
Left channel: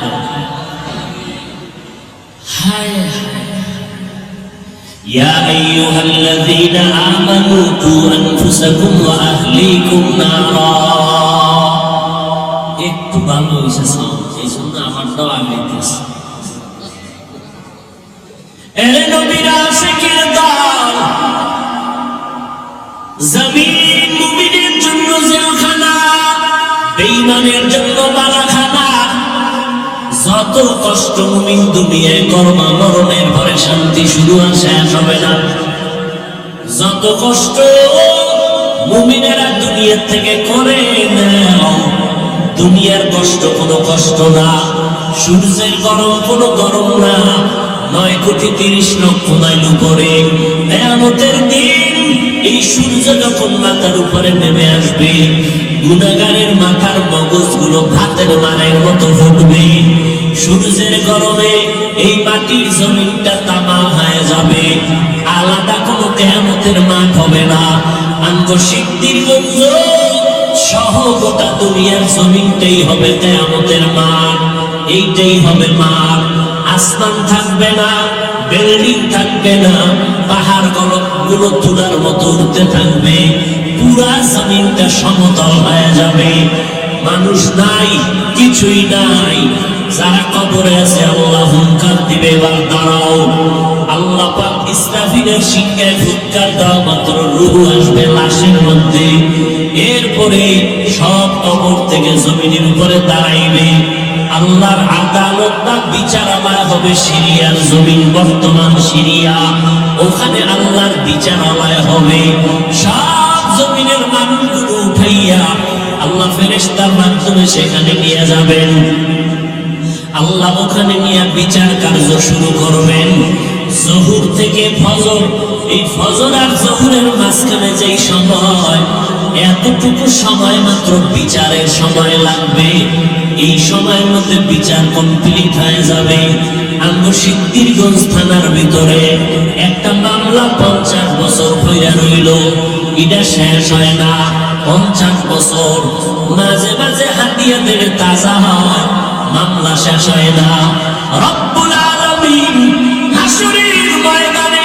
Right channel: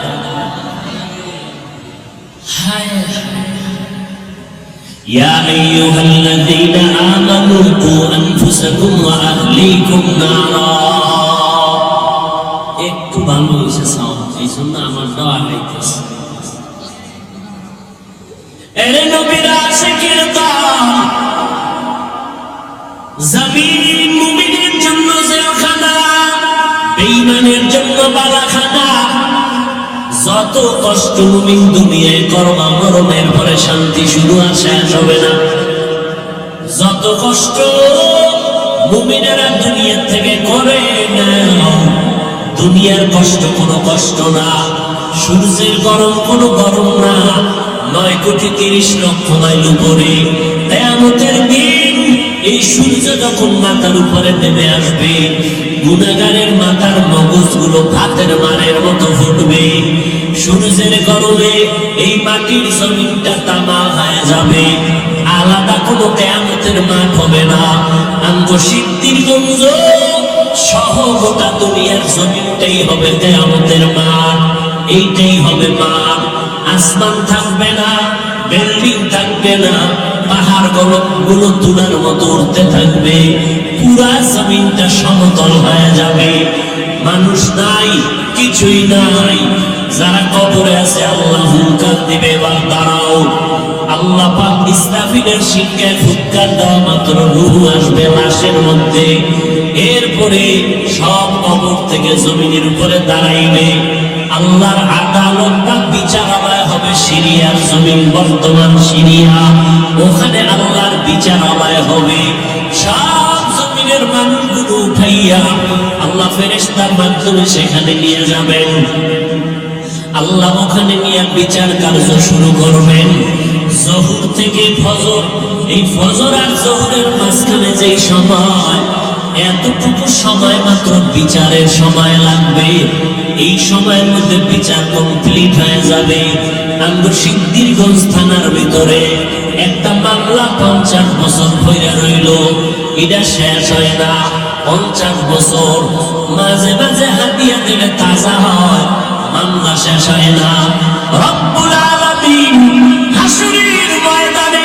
হায় ইয়া আইয়ুহাল্লাযীনা আমানু কু আনফুসাকুম ওয়া আহলিকুম নারা। একটু ভালো হয়েছে সাউন্ড, এই জন্য আমারটাও আগাইতেছে। এরে নবীর আশিকের দল, জমিন মুমিনের জন্য জেলখানা, বেঈমানের জন্য বালাখানা। যত কষ্ট মুমিন দুনিয়ায় করবা, মরণের পরে শান্তি শুরু আর শেষ হবে না। যত কষ্ট মুমিনেরা দুনিয়া থেকে করে নাও। দুনিয়ার কষ্ট কোনো কষ্ট না, সূর্যের গরম কোনো গরম না। 9,30,00,000 মাইল উপরে কিয়ামতের দিন এই সূর্য যখন মাথার উপরে নেমে আসবে, গুনাহগারের মাথার মগজগুলো ভাতের মারের মতো ফুটবে। সূর্যের গরমে এই মাটির জমিনটা তামা হয়ে যাবে। আলাদা কোনো কিয়ামতের মাঠ হবে না। আমগো সিদ্ধিরগঞ্জ সহ গোটা দুনিয়ার জমিনটাই হবে কিয়ামতের মাঠ। এইটাই হবে মাঠ। আসমান থাকবে না, বিল্ডিং থাকবে না, পাহাড় গুলো তুলার মতো উঠতে থাকবে। পুরা জমিনটা সমতল হয়ে যাবে। মানুষ নাই, কিছুই নাই। যারা কবরে আছে আল্লাহ হুঙ্কার দিবে, এবার দাঁড়াও। আল্লাহ পাক ইসরাফিলের শিক্ষায় হুঙ্কার দেওয়া মাত্র রূহ আসবে লাশের মধ্যে। এরপরে সব কবর থেকে জমিনের উপরে দাঁড়াইবে। আল্লাহর আদালতটা বিচারালয় হবে সিরিয়ার জমিন, বর্তমান সিরিয়া। ওখানে আল্লাহর বিচারালয় হবে। সব জমিনের মানুষগুলো উঠাইয়া আল্লাহ ফেরেশতার মাধ্যমে সেখানে নিয়ে যাবেন। আল্লাহ ওখানে নিয়ে বিচার কার্য শুরু করবেন। জহুর থেকে ফজর, এই ফজর আর জহুরের মাঝখানে যেই সময়, এতটুকু সময় মাত্র বিচারের সময় লাগবে। এই সময়ের মধ্যে বিচার কমপ্লিট হয়ে যাবে। আমরা সিদ্ধিরগঞ্জ থানার ভিতরে একটা মামলা 50 বছর পইরা রইল, এটা শেষ হয় না। 50 বছর মাঝে মাঝে হাতিয়া দিলে তাজা হয়, মামলা শেষ হয় না। রব্বুল আলামিন হাসরের ময়দানে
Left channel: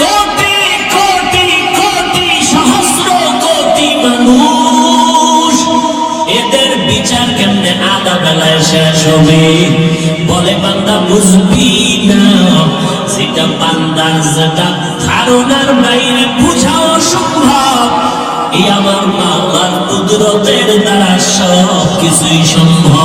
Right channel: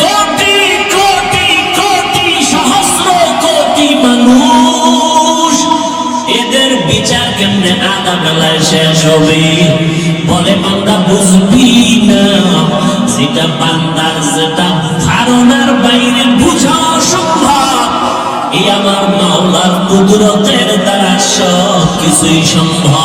কোটি কোটি কোটি সহস্র কোটি মানুষ, এদের বিচার কেমনে আধা বেলায় শেষ হবে? বলে বান্দা বুঝবি না, যেটা বান্দার যেটা ধারণার বাইরে বুঝাও সম্ভব, এই আমার মাওলার কুদরতের দ্বারা সব কিছুই সম্ভব।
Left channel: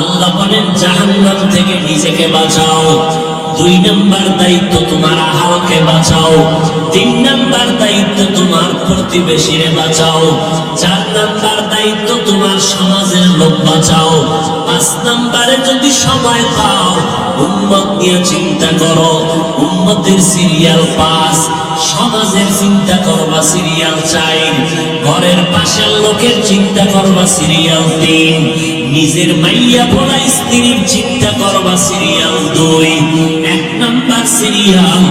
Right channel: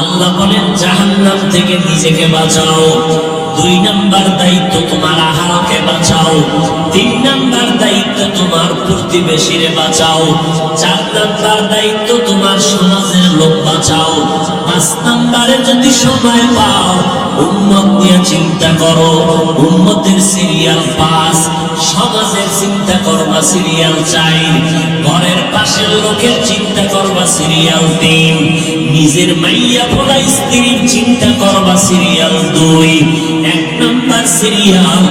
আল্লাহ বলেন জাহান্নাম থেকে নিজেকে বাঁচাও। 2 নাম্বার দায়িত্ব তোমার আহারকে বাঁচাও। 3 নাম্বার দায়িত্ব তোমার প্রতিবেশীরে বাঁচাও। 4 নাম্বার দায়িত্ব তোমার সমাজের লোক বাঁচাও। 5 নাম্বারে যদি সময় পাও উম্মত নিয়ে চিন্তা করো, উম্মতের সিরিয়াল 5, সমাজের চিন্তা করবা সিরিয়াল 4, ঘরের পাশের লোকের চিন্তা করবা সিরিয়াল 3, নিজের মাইয়া পোলা স্ত্রীর চিন্তা করবা সিরিয়াল 2। 1 নাম্বার সিরিয়াল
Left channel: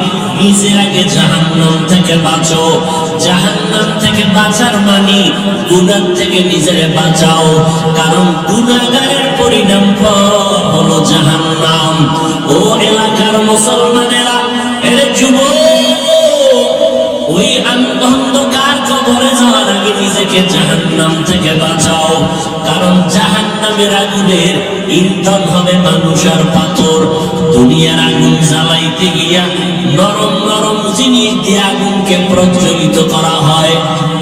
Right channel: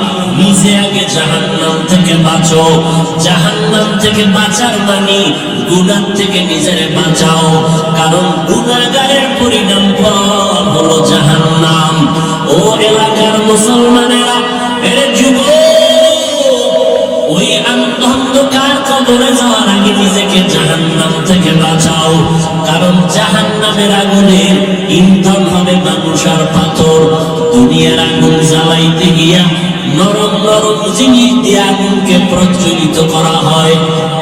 নিজে আগে জাহান্নাম থেকে বাঁচো। জাহান্নাম থেকে বাঁচার মানে গুনাহ থেকে নিজেরে বাঁচাও, কারণ গুনাহগারের পরিণাম হলো জাহান্নাম। ও এলাকার মুসলমানেরা, এর যুবক, ওই অন্ধকার কবরে যাওয়ার আগে নিজেকে জাহান্নাম থেকে বাঁচাও, কারণ জাহান্নামের আগুনের ইন্ধন হবে মানুষ আর পাথর। দুনিয়ার আগুন জ্বালাইতে গিয়া নরম নরম জিনিস দিয়ে আগুনকে প্রজ্বলিত করা হয়।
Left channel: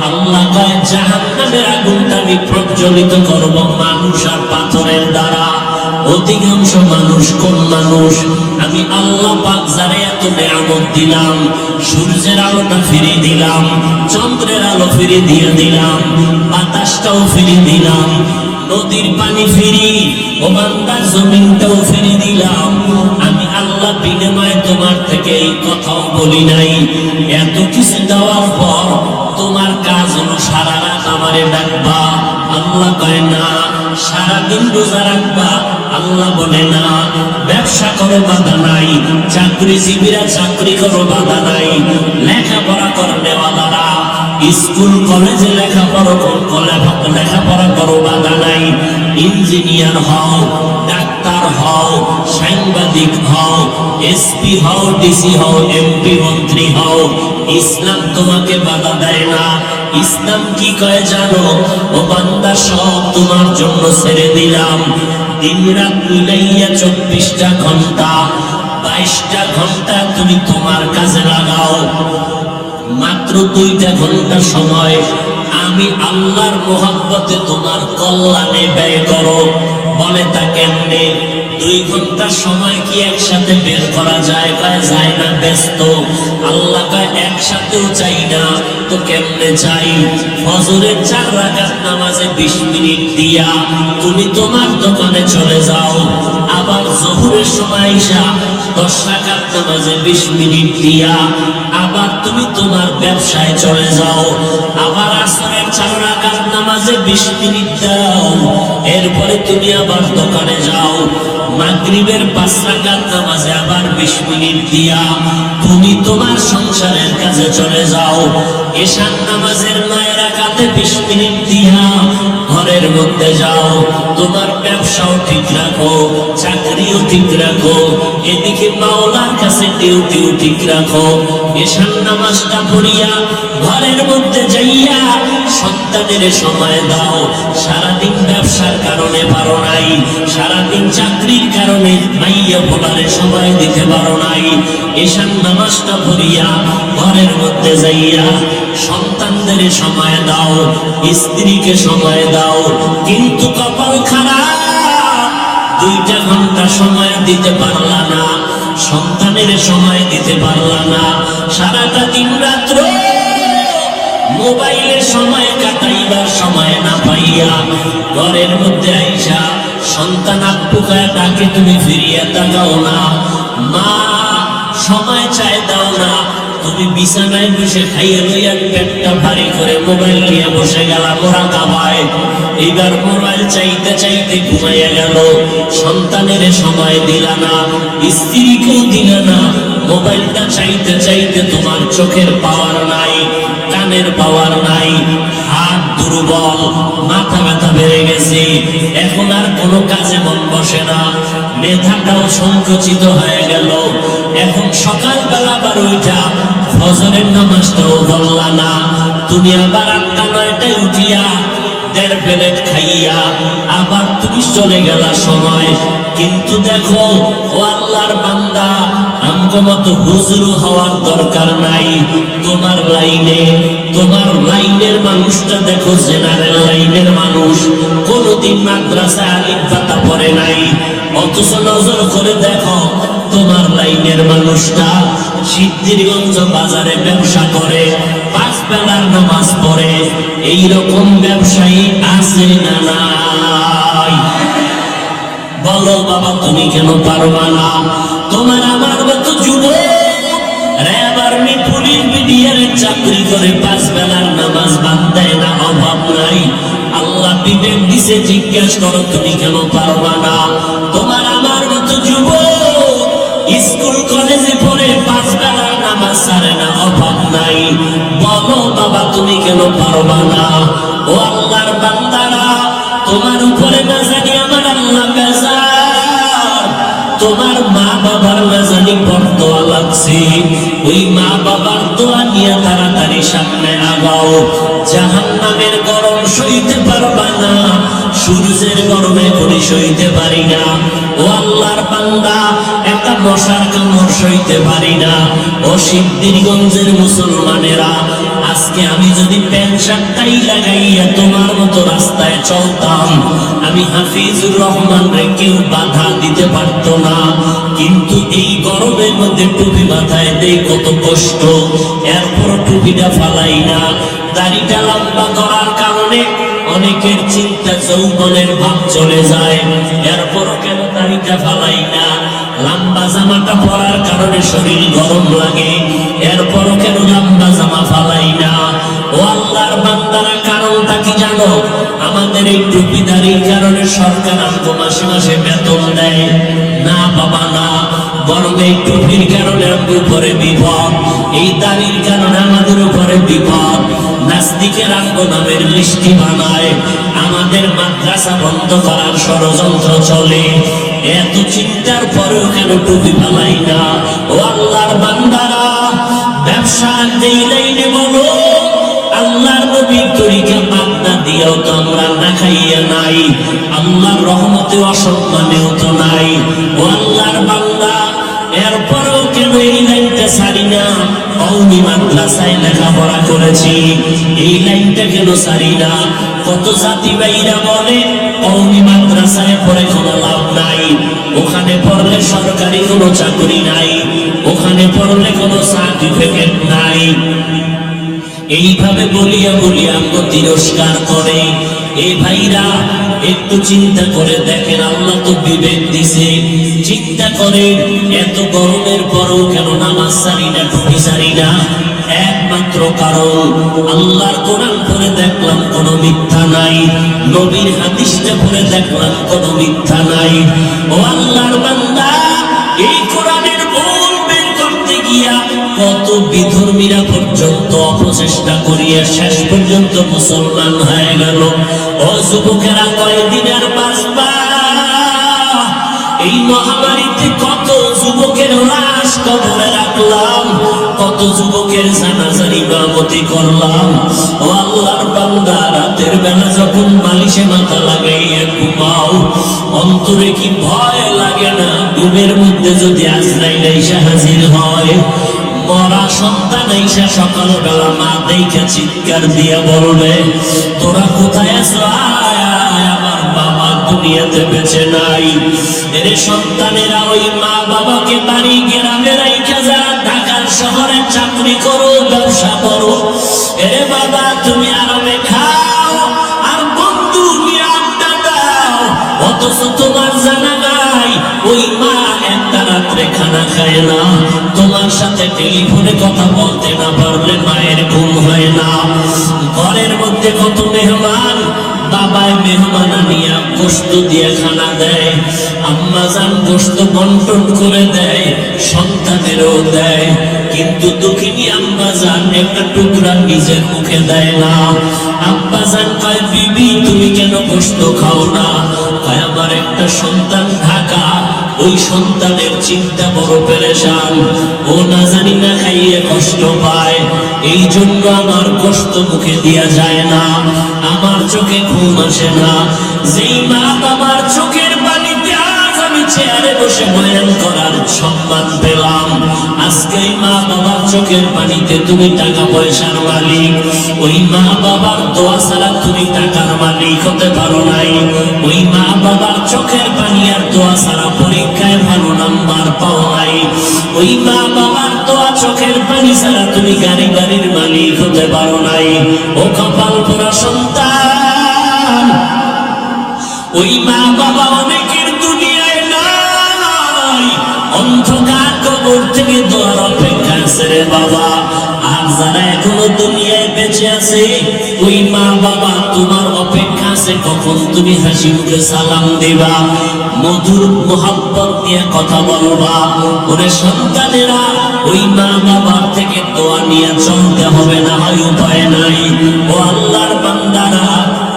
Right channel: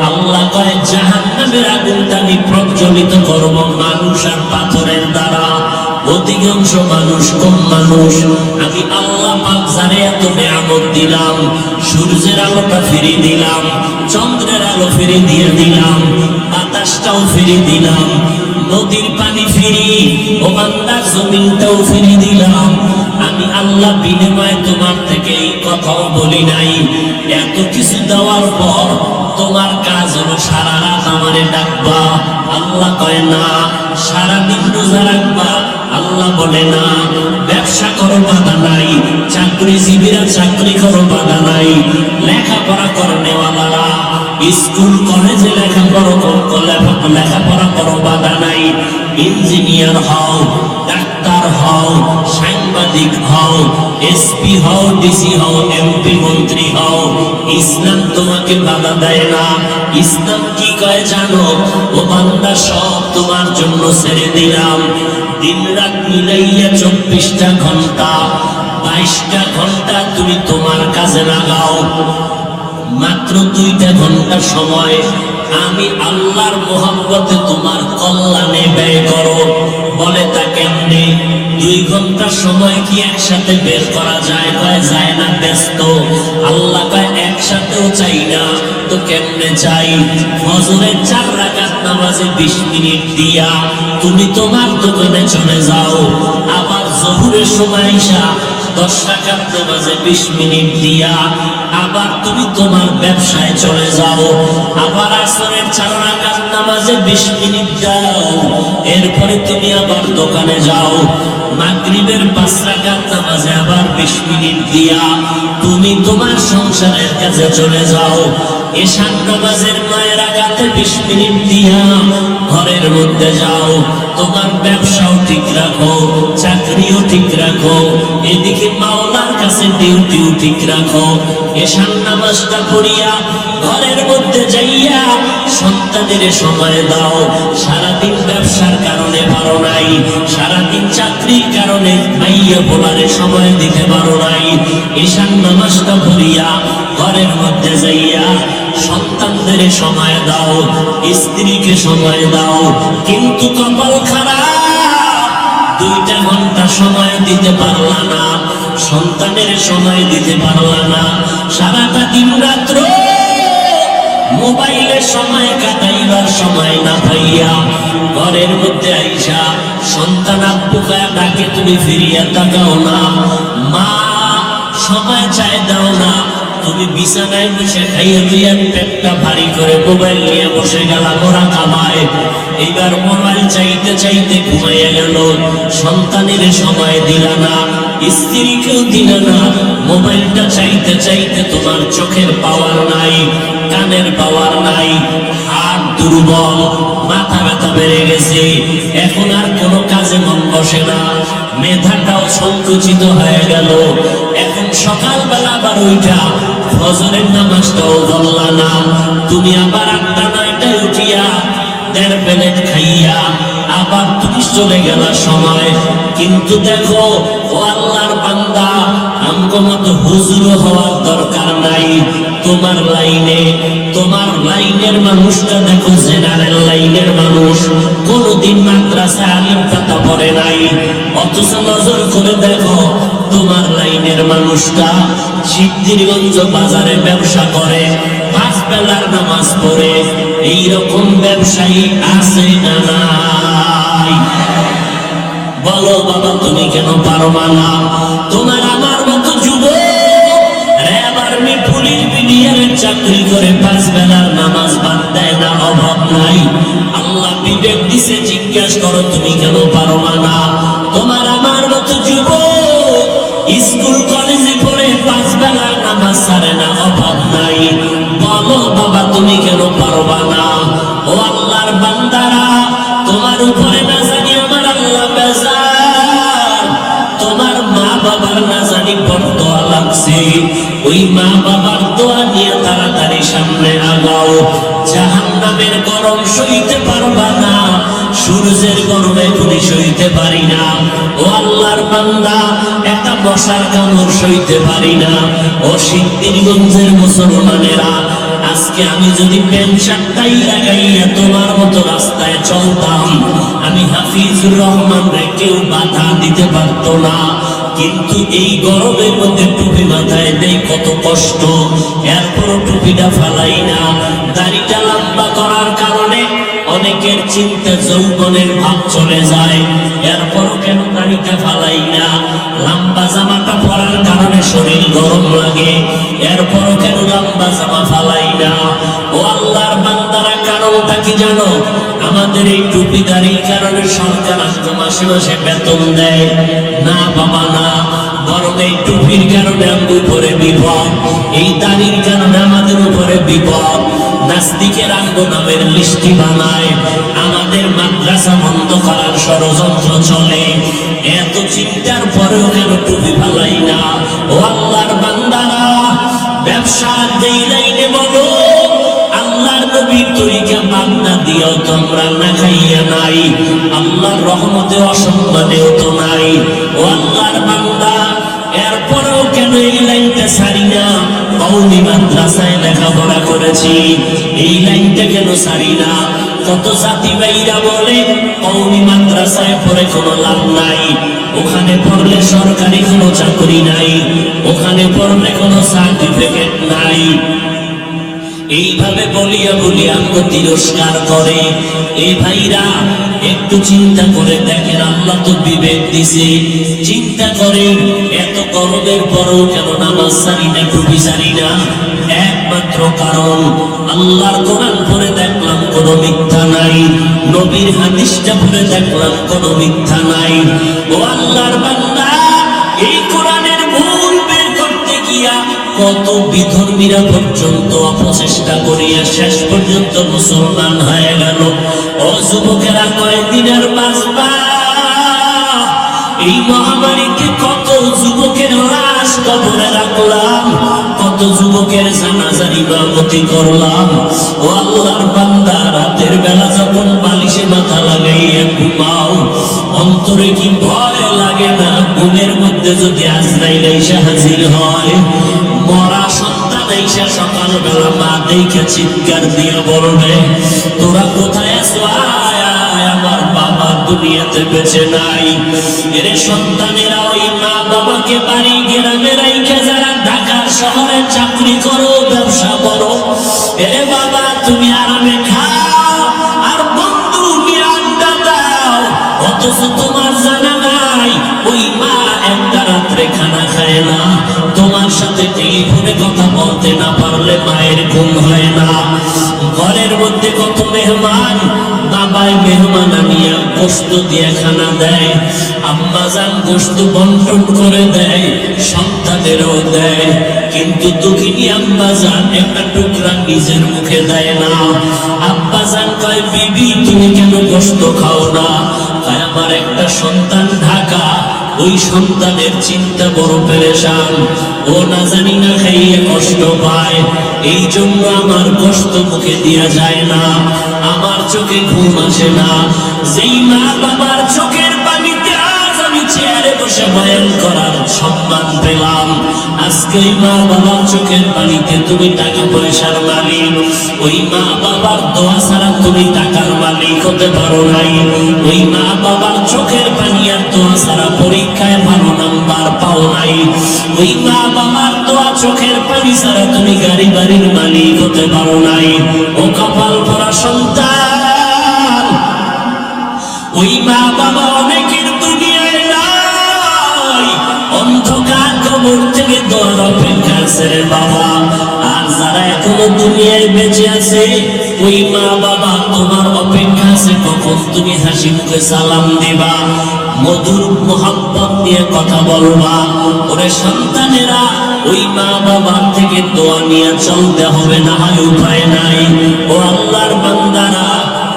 আল্লাহ কয় জাহান্নামের আগুনটা আমি প্রজ্বলিত করব মানুষ আর পাথরের দ্বারা। অধিকাংশ মানুষ কোন মানুষ? আমি আল্লাহ পাক যারে এত নিয়ামত দিলাম, সূর্যের আলোটা ফিরে দিলাম, চন্দ্রের আলো ফিরে দিয়ে দিলাম, বাতাসটাও ফিরে দিলাম, নদীর পানি ফিরি, ও বান্দা জমিনটাও ফিরে দিলাম। আমি আল্লাহ বিনিময়ে তোমার থেকে এই কথাও বলি নাই। এত কিছু দেওয়ার পর তোমার কাজ হলো সারা রাত আমারে ডাকবা। আল্লাহ কয় না। সারাদিন রোজা রাখবা। আল্লাহ বলে না। ব্যবসা করো, বাধা নাই। চাকরিজীবীরা চাকরি করো, বাধা নাই। লেখাপড়া করে নেওয়ালারা স্কুল কলেজে লেখাপড়া করো, বাধা নাই। ইঞ্জিনিয়ার হও, ডাক্তার হও, সাংবাদিক হও, এসপি হও, ডিসি হও, এমপি মন্ত্রী হও, ইসলাম তোমাকে বাধা দেয় না। ইসলাম কি কয় জানো? ও বান্দা, সব তোমার জন্য ছেড়ে দিলাম। দিন রাত মিলাইয়া 24টা ঘন্টা, 22টা ঘন্টা তুমি তোমার কাজে লাগাও। মাত্র 2টা ঘন্টা সময় আমি আল্লাহর মোহাব্বতে তোমার কল্যাণে ব্যয় করো। বলে তা কেমনে? 2 ঘন্টার সময় কি একসাথে বের করা যায়? কয় যায় না, ব্যস্ত। আল্লাহ কয় একসাথেও চাই না, তো কেমনে চাই? ফজরের 4 রাকাত নামাজে 20 মিনিট দিয়া তুমি তোমার দোকানে চলে যাও। আবার জোহরের সময় এসা 10 রাকাত নামাজে 20 মিনিট দিয়া আবার তুমি তোমার ব্যবসায় চলে যাও। আবার আসরের 4 রাকাত নামাজে 20 মিনিট দাও, এরপরে তুমি আবার দোকানে যাও। মাগরিবের 5 রাকাত নামাজে আবার 20 মিনিট দিয়া তুমি তোমার সংসারের কাজে চলে যাও। এশার নামাজের 9 রাকাতে 20 মিনিট দিয়া ঘরের মধ্যে যাও। তোমার ব্যবসাও ঠিক রাখো, চাকরিও ঠিক রাখো, এদিকে মাওলার কাছে ডিউটিও ঠিক রাখো। এশার নামাজটা পড়িয়া ঘরের মধ্যে যাইয়া সন্তানের সময় দাও। সারাদিন ব্যবসার কারণে পারো নাই, সারাদিন চাকরির কারণে মাইয়া পোলারে সময় দিতে পারো নাই। এশার নামাজটা পড়িয়া ঘরের মধ্যে যাইয়া সন্তানদের সময় দাও, স্ত্রীকে সময় দাও। কিন্তু কপাল খারাপ, 2টা ঘন্টা সময় দিতে পারলা না, সন্তানের সময় দিতে পারলা না। সারাটা দিন রাত্র মোবাইলের সময় কাটাইবার সময় না পাইয়া ঘরের মধ্যে আইসা সন্তান আব্বুকে ডাকে, তুমি ফিরিয়া তাকাও না। মা সময় চাই দাও না, তুমি বিছানায় বসে খাইয়ে লইয়া পেটটা ভারী করে মোবাইল নিয়ে বসে গেলা মোরা কামায়। এইবার মোবাইল চাইতে চাইতে ঘুমাইয়া গেল, সন্তানের সময় দিলা না, স্ত্রীকেও দিলা না। মোবাইলটা চাইতে চাইতে তোমার চোখের পাওয়ার নাই, কানের পাওয়ার নাই, হাত দুর্বল, মাথা ব্যথা বেড়ে গেছে, এখন আর কোনো কাজে মন বসে না, মেধাটাও সংকুচিত হয়ে গেল। এখন সকালবেলা আবার ওইটা ফজরের নামাজটাও বললা না, তুমি আবার 8টা 9টায় উঠিয়া 1.5 প্লেট খাইয়া আবার তুমি চলে গেলা সময়। কিন্তু দেখো ও আল্লাহর বান্দা, আমগো মতো হুজুর হওয়ার দরকার নাই। তোমার লাইনের মানুষটা দেখো, জেনারেল লাইনের মানুষ, কোনদিন মাদ্রাসায় আলিম পাতা পড়ে নাই, অথচ নজর করে দেখো তোমার লাইনের মানুষটা সিদ্ধিরগঞ্জ বাজারে ব্যবসা করে, 5 বেলার নামাজ পড়ে। এইরকম ব্যবসায়ী আছে না নাই? বলো বাবা, তুমি কেন পারবা না? তোমার আমার মতো যুবক র্যাব আর্মি পুলিশ বিডিআরের চাকরি করে 5 বেলার নামাজ বাদ দেয় না, অভাব নাই। আল্লাহ বিবেক দিছে, জিজ্ঞাসা করো তুমি কেন পারবা না? তোমার আমার মতো যুবক স্কুল কলেজে পড়ে 5 বেলার নামাজ ছাড়ে না, অভাব নাই। বলো বাবা, তুমি কেন পারবা না? ও আল্লাহর বান্দারা, তোমার উপরে না জানি আমার আল্লাহ বেজার, তোমার মা বাবার না জানি বরদোয়া লাগছে, ওই মা বাবার দোয়া নিয়ে তাড়াতাড়ি সামনে আগাও। জাহান্নামের গরম সইতে পারবা না, সূর্যের গরমে কোনো সইতে পারি না। ও আল্লাহর বান্দা, একটা মশার কামড় সইতে পারি না। ও সিদ্ধিরগঞ্জের মুসলমানেরা, আজকে আমি যদি প্যান্ট শার্টটাই লাগাইয়া তোমার মতো রাস্তায় চলতাম, আমি হাফিজুর রহমান রে কেউ বাধা দিতে পারতো না। কিন্তু এই গরমের মধ্যে টুপি মাথায় নেই, কত কষ্ট, এরপর টুপিটা ফালাই না। দাড়িটা লম্বা করার কারণে অনেকের চিন্তা যৌবনের ভাব চলে যায়, এরপরও কেন দাড়িটা ফালাই না? লম্বা জামাটা পরার কারণে শরীর গরম লাগে, এরপরও কেন লম্বা জামা ফালাই না? ও আল্লাহর বান্দারা, কারণটা কি জানো? আমাদের এই টুপি দাড়ির কারণে সরকার আমাকে মাসে মাসে বেতন দেয় না বাবা না, বরং এই টুপির কারণে আমাদের উপরে বিপদ, এই দাড়ির কারণে আমাদের উপরে বিপদ। নাস্তিকের আঙ্গ নামের মিষ্টি বানায়, আমাদের মাদ্রাসা বন্ধ করার ষড়যন্ত্র চলে। এত চিন্তার পরেও কেন টুপি ফালাই না? ও আল্লাহর বান্দারা, ব্যবসা স্বাদ দেই নাই বলো আল্লাহর নবীর তরিকা বাগদা দিয়েও তো আমরা না খাইয়া নাই, আল্লাহর রহমতে অসম্মানেও তো নাই। ও আল্লাহর বান্দা, এরপরেও কেন এই লাইনটা ছাড়ি না? কওমি মাদ্রাসায় লেখাপড়া করেছি, এই লাইনটা কেন ছাড়ি না? কত জাতি ভাইরা বলে কওমি মাদ্রাসায় পড়ে কোনো লাভ নাই, ওখানে পড়লে সরকারি কোনো চাকরি নাই, ওখানে পড়লে কোনো সার্টিফিকেট নাই। এইভাবে বলিয়া বলিয়া আমাকে তিরস্কার করে। এই ভাইরা একটু চিন্তা করে দেখেন, আল্লাহ তো বিবেক দিছে, চিন্তা করেন এত গরমের পরও কেন নামাজ ছাড়ি না, টুপি ছাড়ি না? একমাত্র কারণ আল্লাহর কোরআন পড়ে দেখলাম কোনো মিথ্যা নাই, নবীর হাদিসটা পড়ে দেখলাম কোনো মিথ্যা নাই। ও আল্লাহর বান্দা, এই কোরআনের ভুল বের করতে গিয়া কত বিধর্মীরা পর্যন্ত অপচেষ্টা করিয়া শেষ পর্যন্ত মুসলমান হয়ে গেল। ও যুবকেরা, কয়দিনের বাঁচবা? এই মহামারীতে কত যুবকের লাশ কবরে রাখলাম, কত যুবকের জানাজার ইমামতি করলাম। ও আল্লাহর বান্দা, রাতের বেলা যখন বালিশে মাথা লাগাইয়া ঘুমাও, অন্তরে কি ভয় লাগে না? ঘুমের মধ্যে যদি আজরাইল এসে হাজির হয়, মরা সন্তান এসে সকালবেলা মা দেখে চিৎকার দিয়ে বলবে, তোরা কোথায় আছো? আমার বাবা দুনিয়াতে বেঁচে নাই। এর সন্তানেরা ওই মা বাবাকে বাড়ি গ্রামে রাইখা যারা ঢাকার শহরে চাকরি করো, ব্যবসা করো, এরে বাবা তুমি আরামে খাও আর বন্ধু নিয়ে আড্ডা দাও, অথচ তোমার জানা নাই ওই মা একটা রাত্রে খানা খায় না, তোমার সাথে টেলিফোনে কথা বলতে না পারলে মায়ের ঘুম হয় না। ঘরের মধ্যে কত মেহমান, বাবায় মেহমান আনিয়া গোশত দিয়ে খানা দেয়, আম্মা জান গোশত বন্টন করে দেয়, সন্তানেরও দেয়, কিন্তু দুঃখিনী আম্মা জান একটা টুকরা নিজের মুখে দেয় না। আব্বা জান কয়, বিবি তুমি কেন গোশত খাও না? কয়, আমার একটা সন্তান ঢাকা, ওই সন্তানের চিন্তা বড় পেরেশান, ও না জানি না খাইয়ে কষ্ট পায়, এই জন্য আমার কষ্ট মুখে দেয়া যায় না, আমার চোখে ঘুম আসে না। যেই মা বাবার চোখের পানিতে আজ আমি চেয়ারে বসে বয়ান করার সম্মান পেলাম, আজকে ওই মা বাবার চোখের পানিতে তুমি টাকা পয়সার মালিক, ওই মা বাবার দোয়া ছাড়া তুমি টাকার মালিক হতে পারো নাই, ওই মা বাবার চোখের পানি আর দোয়া ছাড়া পরীক্ষায় ভালো নাম্বার পাও নাই, ওই মা বাবার দোয়া চোখের পানি ছাড়া তুমি গাড়ি বাড়ির মালিক হতে পারো নাই। ও কপাল পোড়া সন্তান, ওই মা বাবা অনেকের দুনিয়ায় নাই, অন্ধকার কবর থেকে দোয়ার অপেক্ষা আছে রে বাবা। আর যারা এখনো দুনিয়ায় বেঁচে আছে, ওই মা বাবা তোমার অপেক্ষা আছে কখন তুমি হাসি মুখে সালাম দিবা, মধুর মোহাব্বত নিয়ে কথা বলবা। ওরে সন্তানেরা, ওই মা বাবার থেকে দোয়া নিয়ে চলতে হবে, না হয় উপায় নাই। ও আল্লাহর বান্দারা,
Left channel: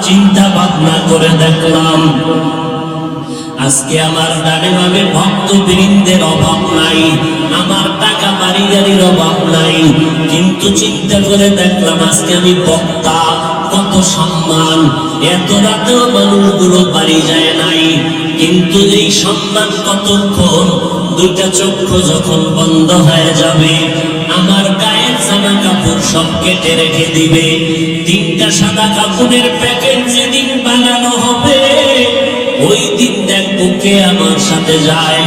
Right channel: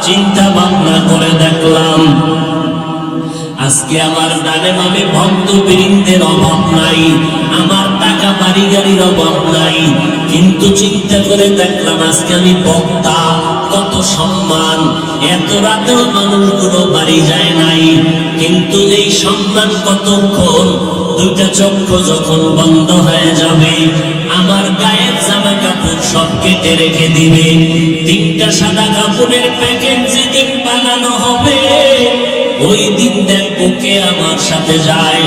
চিন্তা ভাবনা করে দেখলাম আজকে আমার ডানে বামে ভক্তবৃন্দের অভাব নাই, আমার টাকা বাড়ি গাড়ির অভাব নাই, কিন্তু চিন্তা করে দেখলাম আজকে আমি বক্তা, কত সম্মান, এত রাতেও মানুষগুলো বাড়ি যায় নাই, কিন্তু এই সম্মান কতক্ষণ? দুইটা চক্ষু যখন বন্ধ হয়ে যাবে, আমার গায়ের জামা কাপড় সব কেটে রেখে দিবে, তিনটা সাদা কাপড়ের প্যাকেট যেদিন বানানো হবে, ওই দিন দেখবো কে আমার সাথে যায়।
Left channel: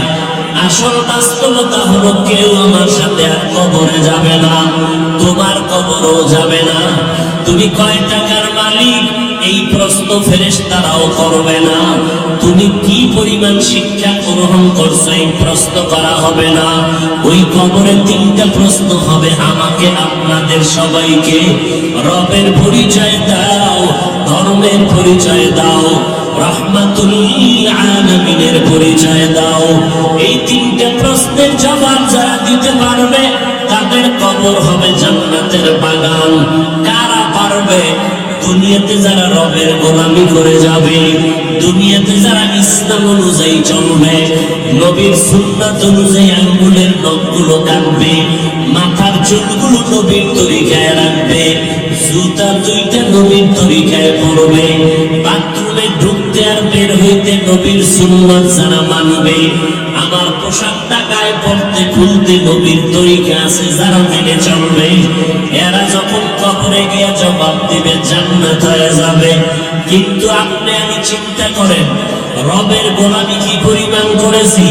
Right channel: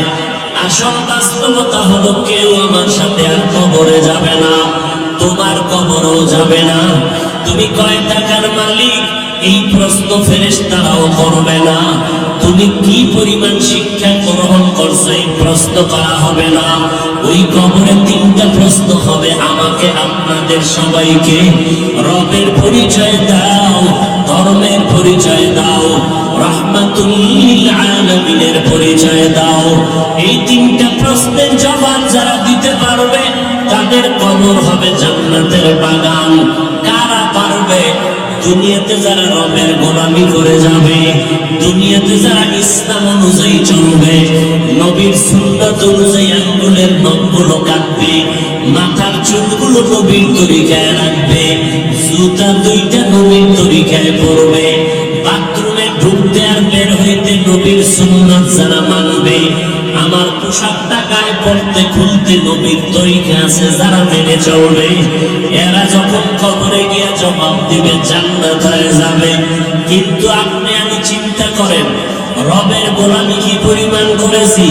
আসল বাস্তবতা হলো কেউ আমার সাথে আর কবরে যাবে না, তোমার কবরও যাবে না। তুমি কয় টাকার মালিক, এই প্রশ্ন ফেরেশতারাও করবে না। তুমি কি পরিমাণ শিক্ষা গ্রহণ করছো, এই প্রশ্ন করা হবে না। ওই কবরে তিনটা প্রশ্ন হবে, আমাকে আপনাদের সবাইকে। রবের পরিচয় দাও, ধর্মের পরিচয় দাও, রাহমাতুল লিল আলামিনের পরিচয় দাও। এই তিনটা প্রশ্নের জবাব যারা দিতে পারবে, তাদের কবর হবে জান্নাতের বাগান। কারা পারবে? দুনিয়াতে যারা রবের গোলামি করে যাবে, দুনিয়াতে যারা ইসলাম অনুযায়ী চলবে, নবীর সুন্নাত অনুযায়ী আঙ্গুলের নখগুলো কাটবে, মাথার চুলগুলো নবীর তরিকায় রাখবে, জুতা দুইটা নবীর তরিকায় পরবে, বাথরুমে ঢুকতে আর বের হইতে নবীর সুন্নাত যারা মানবে, আমার পোশাকটা গায়ে পড়তে খুলতে নবীর তরিকা আছে যারা মেনে চলবে, এরা যখন কবরে গিয়ে জবাব দিবে জান্নাত হয়ে যাবে। কিন্তু আপনি আমি চিন্তা করেন, রবের গোলামি কি পরিমাণ করেছি,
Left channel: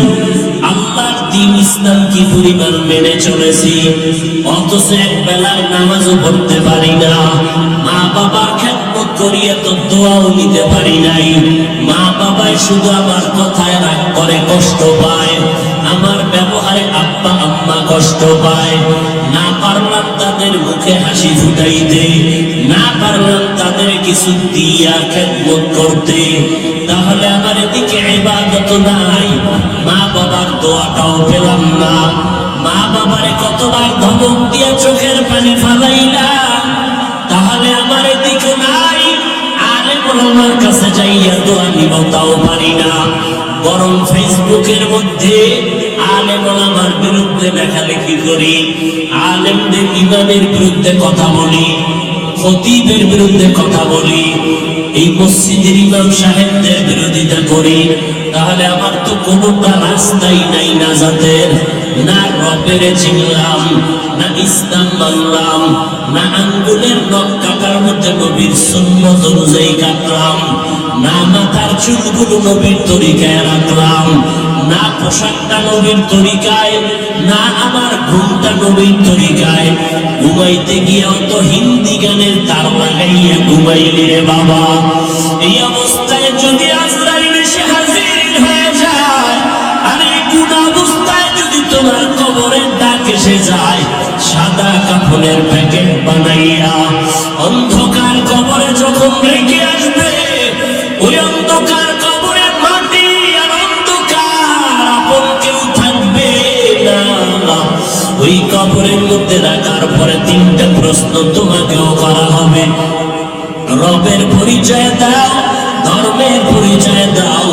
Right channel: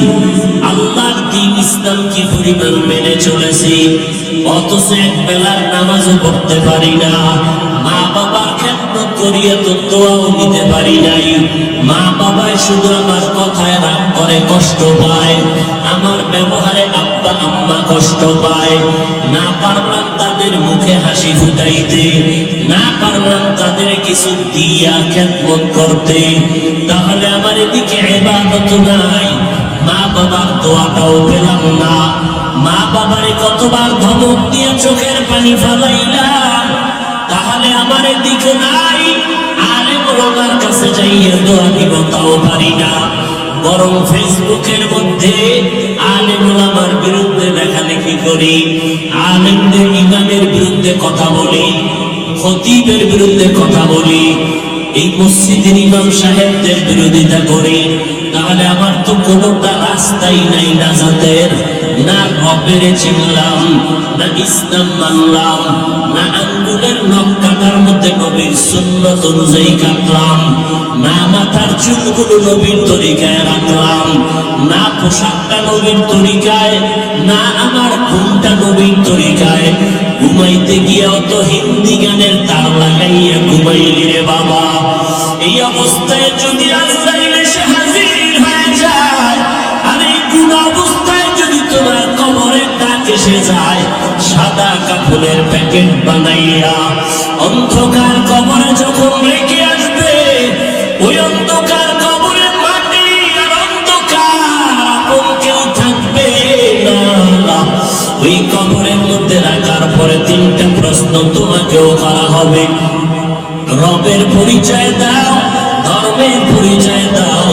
আল্লাহর দ্বীন ইসলাম কি পরিমাণ মেনে চলেছি, অথচ এক বেলার নামাজও পড়তে পারি না, মা বাবার খেদমত করিয়া তো দোয়াও নিতে পারি নাই, মা বাবাই শুধু আমার কথায় রাগ করে কষ্ট পায়, আমার ব্যবহারে আব্বা আম্মা কষ্ট পায়, না পারলাম তাদের মুখে হাসি ফুটাইতে, না পারলাম তাদের কিছু দিয়া খেদমত করতে, তাহলে আমার এদিকে ইবাদত নাই, মা বাবার দোয়াটাও পেলাম না, মা বাবারে কতবার ধমক দিয়া চোখের পানি ফালাইলাম, তাহলে আমার এদিকে নাই, আলেম ওলামার কাছে যাইয়া দোয়া নিব তাও পারি না, বরং ফেসবুকের মধ্যে আলেম ওলামার বিরুদ্ধে লেখালেখি করি, আলেমদের ইমামের বিরুদ্ধে কথা বলি, খতিবের বিরুদ্ধে কথা বলি, এই মসজিদের ইমাম সাহেবদের বিরোধিতা করি, তাহলে আমার তো কোনোটা রাস্তাই নাই নাজাতের, না রবের চিনলাম, না ইসলাম মানলাম, না আঙ্গুলের নখ কাটার মধ্যে নবীর সুন্নাত অনুযায়ী কাটলাম, না মাথার চুলগুলো নবীর তরিকায় রাখলাম, না পোশাকটা নবীর তরিকায়, না আমার ঘুমটা নবীর তরিকায়, ঘুমাইতে গিয়ে অত হিন্দি গানের তার লাগাইয়া ঘুমাইলি রে বাবা। এই অবস্থায় যদি আজরাইল এসে হাজির হয়ে যায়, আর এই কোন অবস্থায় যদি তোমার কবরের ডাক এসে যায়, সাদা কাপড়ের প্যাকেট বানাইয়া অন্ধকার কবরে যখন রেখে আসবে, ওই অন্ধকার কবরে মাটি আর অন্ধকার, আপন কেউ থাকবে না, ওই কবরের মধ্যে রাখার পরে তিনটা প্রশ্ন তোমাকেও করা হবে, রবের পরিচয় দাও, ধর্মের পরিচয় দাও,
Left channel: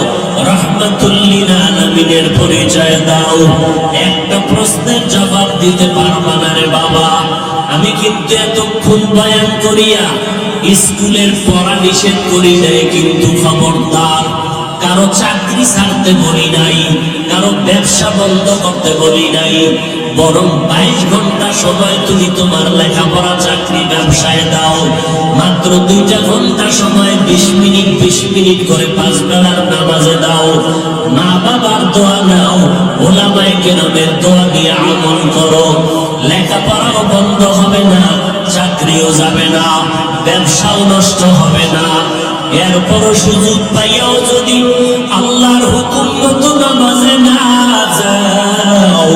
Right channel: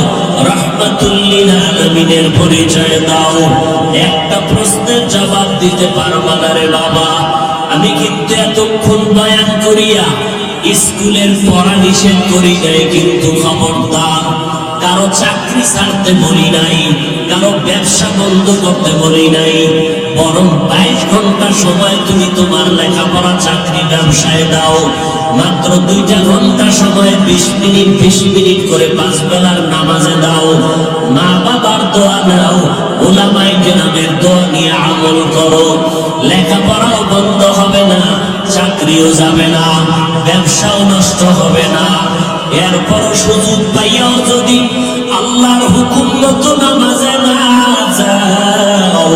রাহমাতুল লিল আলামিনের পরিচয় দাও। একটা প্রশ্নের জবাব দিতে পারবা না রে বাবা। আমি কিন্তু এতক্ষণ বয়ান করিয়া স্কুলের পড়া নিষেধ করি নাই, কিন্তু খবরদার কারো চাকরি ছাড়তে বলি নাই, কারো ব্যবসা বন্ধ করতে বলি নাই, বরং 22 ঘন্টা সময় তুমি তোমার লেখাপড়া চাকরি ব্যবসায় দাও, মাত্র 2টা ঘন্টা সময় 20 মিনিট করে 5 বেলার নামাজে দাও, মা বাবার দোয়া নাও, ওলামায়ে কেরামের দোয়া নিয়ে আমল করো, লেখাপড়াও বন্ধ হবে না, চাকরিও যাবে না, ব্যবসাও নষ্ট হবে না। এরপরও সুযোগ পাইয়াও যদি আল্লাহর হুকুম মতো নামাজে না যাও,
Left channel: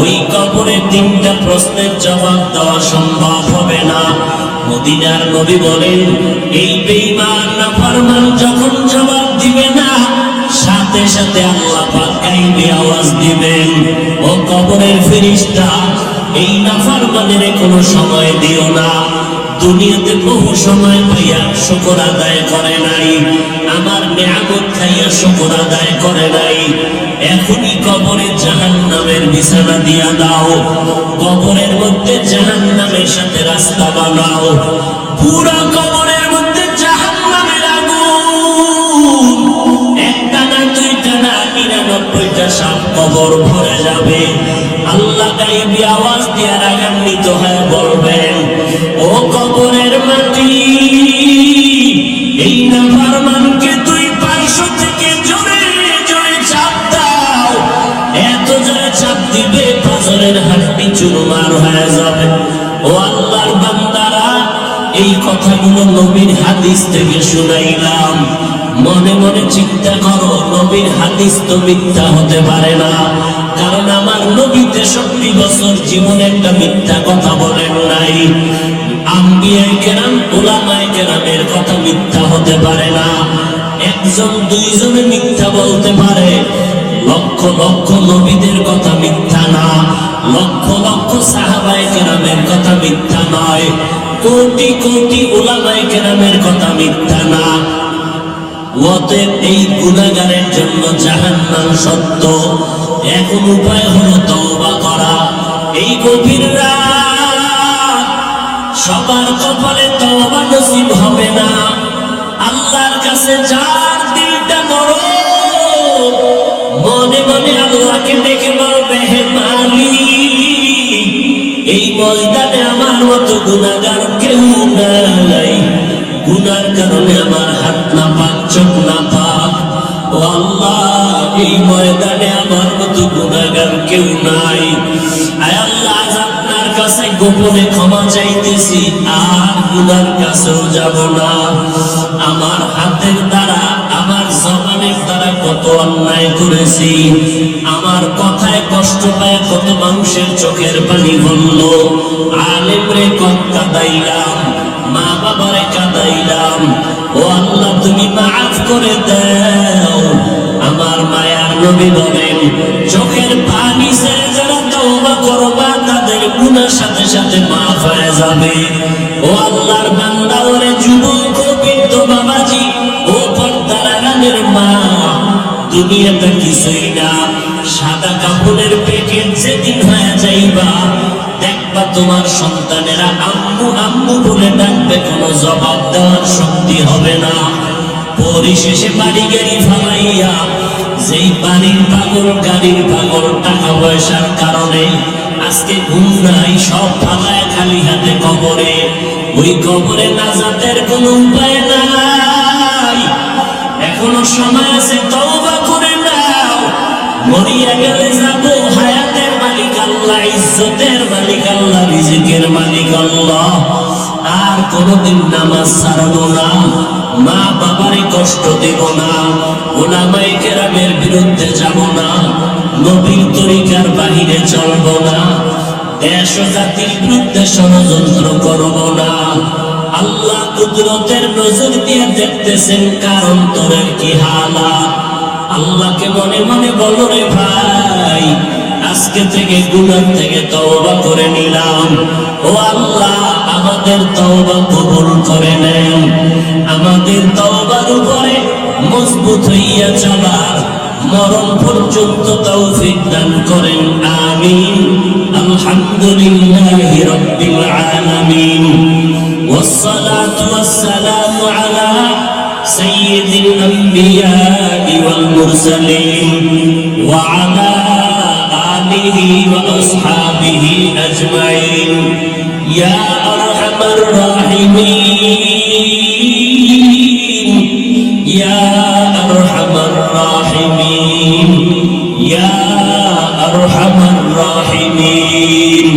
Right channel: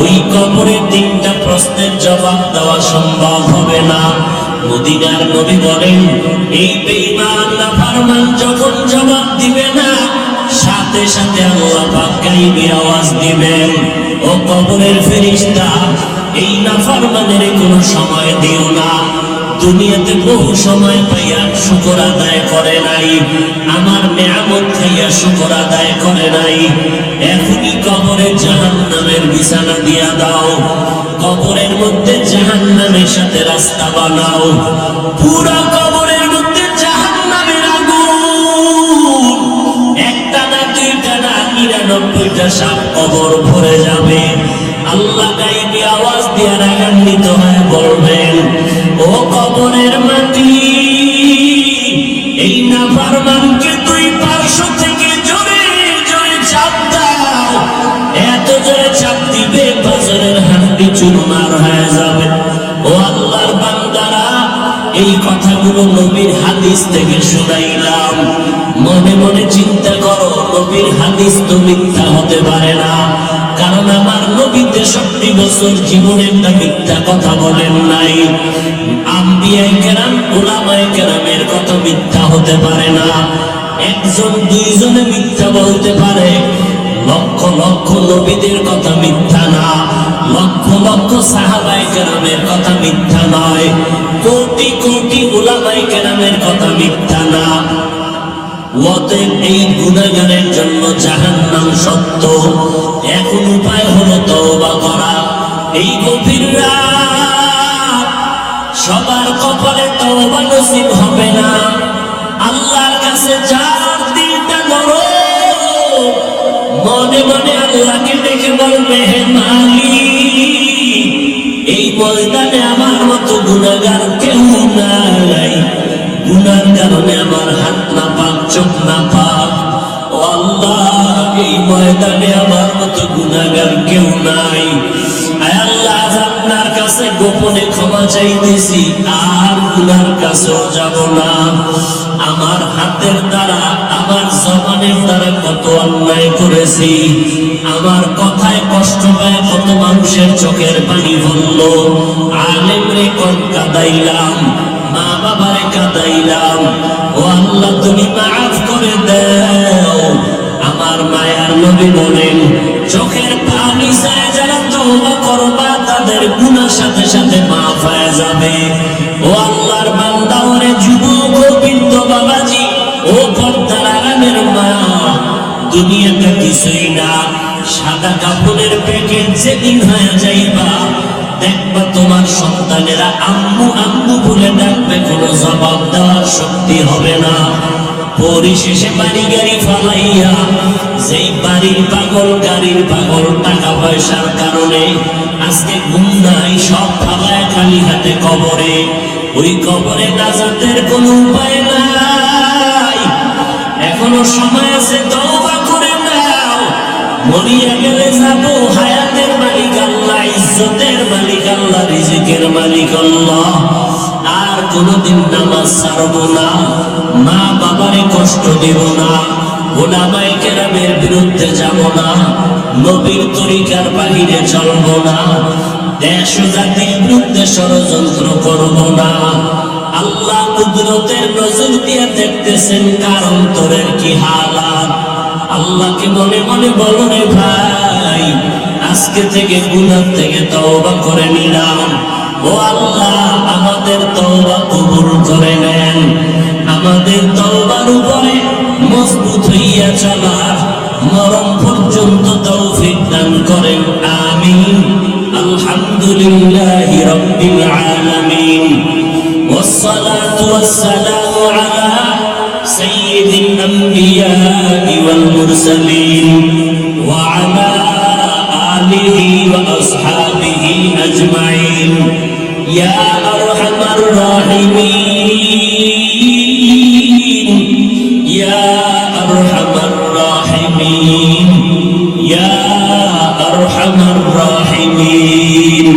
ওই কবরে 3টা প্রশ্নের জবাব দেওয়া সম্ভব হবে না। মদিনার নবী বলেন, এই বেঈমান নাফরমান যখন জবাব দিবে না, সাথে সাথে আল্লাহ পাক গায়বে আওয়াজ দিবেন, ও কবরের ফেরেশতা, এই নাফরমানের কোনো সময় দিও না, দুনিয়াতে বহু সময় পাইয়া শুকর আদায় করে নাই, আমার নিয়ামত খাইয়া শুকর আদায় করে নাই, এখনই কবরে জাহান্নামের বিছানা দিয়া দাও, কবরের মধ্যে জাহান্নামের সাথে রাস্তা বানাও, পুরো কবরের মধ্যে জাহান্নামের আগুন, একটা না দুইটা না 99টা সাপ কবর ভরে যাবে। আল্লাহ গায়বী আওয়াজ দিয়ে রাগান্বিত হয়ে বলবেন, ও কবরের মাটি, এই নাফরমানকে 2 পার্শ্ব থেকে জোরে জোরে চাপ দাও, এত জোরে চাপ দিবে পাজরের হাড্ডি চুরমার হয়ে যাবে। ও আল্লাহর বান্দারা, এই কথাগুলো নবীর হাদিস থেকে শুনাইলাম, মনে মনে চিন্তা করো, নবীর হাদিস তো মিথ্যা হতে পারে না, কারণ আমার নবী 63 বছর জীবনে একটা মিথ্যা কথা বলেন নাই। আম্বিয়ায়ে কেরাম, উলামায়ে কেরামের কথা মিথ্যা হতে পারে না, একজন দুইজনে মিথ্যা বলতে পারে, লক্ষ লক্ষ নবীদের কথা মিথ্যা না, লক্ষ লক্ষ সাহাবায়ে কেরামের কথা মিথ্যা নয়। কোটি কোটি উলামায়ে কেরামের কথা মিথ্যা না। অতএব এই গুনাহগারের জন্য জাহান্নাম সত্য। এখন উপায় হলো তওবা করা। এই গভীর রাত সবার কপালে তওবা নসিব হবে না। আল্লাহর কাছে যার দিলটা নরম, মনে মনে আল্লাহকে ডেকে বলবে, হে মালিক, এই ময়দানে আমার মতো গুনাহগার কেউ নাই। গুনার কারণে আমার হাত না পাক, চোখ না পাক। ও আল্লাহ, এই ময়দানে আমার মতো গুনাহগার কেউ নাই। আয় আল্লাহ, আজ আপনার কাছে গোপনে ক্ষমা চাইতেছি, আর গুনার কাছেও যাব না। আমার হাতের দ্বারা, আমার জবানের দ্বারা কত অন্যায় করেছি। আমার কথায় কষ্ট পায় কত মানুষের চোখের পানি বললো। আলেম রে কত কাঁদাইলাম, মা বাবারে কাঁদাইলাম। ও আল্লাহ, তুমি মাফ করে দাও। আমার মায়ার নবী বলেন, চোখের পানি ছেড়ে যারা তওবা করবা তাদের গুনার সাথে সাথে মাফ হয়ে যাবে। ও আল্লাহর বান্দা, ওরে যুবক, ও বৃদ্ধ বাবাজি, ও পর্দার আড়ালের মা, দুনিয়াতে কিছুই না। সাদা কাপড়ের প্যাকেট যেদিন হয়ে যাইবা, দেখবা তোমার সন্তানেরা আম্মু আম্মু বলে ডাকবে, কোনো জবাব দেওয়ার শক্তি হবে না। পরিশেষে বাড়ি গাড়ি ফালাইয়া, যেই বাড়ির পাগল, গাড়ির পাগল, টাকা পয়সার কারণে আজকে ঘুম নাই, সব ফালায় খালি হাতে কবরে। ওই কবরে নাজাতের কোনো উপায় নাই। এখনো সময় আছে, তওবা করে নাও। মরিয়া গেলে যাবো, হায়াতের মালিক আল্লাহ, ইজ্জতের মালিক আল্লাহ, রিজিকের মালিক আল্লাহ। আর কোনদিন নামাজ ছাড়ব না, মা বাবারে কষ্ট দেব না, উলামায়ে কেরামের বিরুদ্ধে যাব না, নবীর তরিকার বাহিরে চলব না, দেশ ও জাতির বিরুদ্ধে ষড়যন্ত্র করব না। আল্লাহ কুদরতের নজর দিয়ে দেখতেছেন কার অন্তরের কি হালাত। আল্লাহকে মনে মনে বলো, রে ভাই, আজকে থেকে গুনাহ থেকে তওবা করে নিলাম। ও আল্লাহ, আমাদের তওবা কবুল করে নেন। আমাদের তওবার উপরে মজবুত হইয়া চলার মরণ পর্যন্ত তৌফিক দান করেন, আমিন। আলহামদুলিল্লাহি রাব্বিল আলামিন, والصلاة والسلام على سيد الأنبياء والمرسلين وعلى آله وأصحابه أجمعين يا أرحم الراحمين يا أرحم الراحمين يا أرحم الراحمين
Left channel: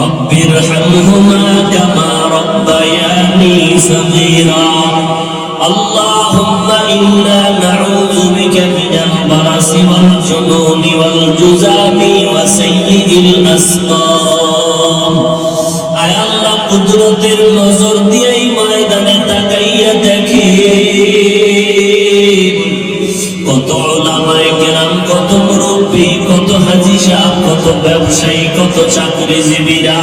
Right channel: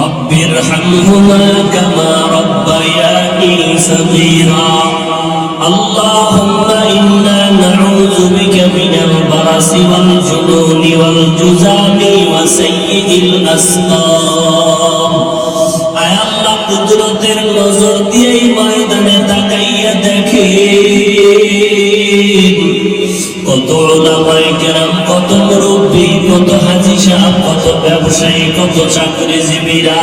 رب ارحمهما كما ربياني صغيرا اللهم إنا نعوذ بك من البرص والجنون والجذام وسيء الأسقام আয় আল্লাহ, কুদরতের নজর দিয়ে এই ময়দানে তাকাইয়া দেখেন কত উলামায়ে কেরাম, কত মুরব্বী, কত হাজী সাহেব, কত ব্যবসায়ী, কত চাকরিজীবীরা,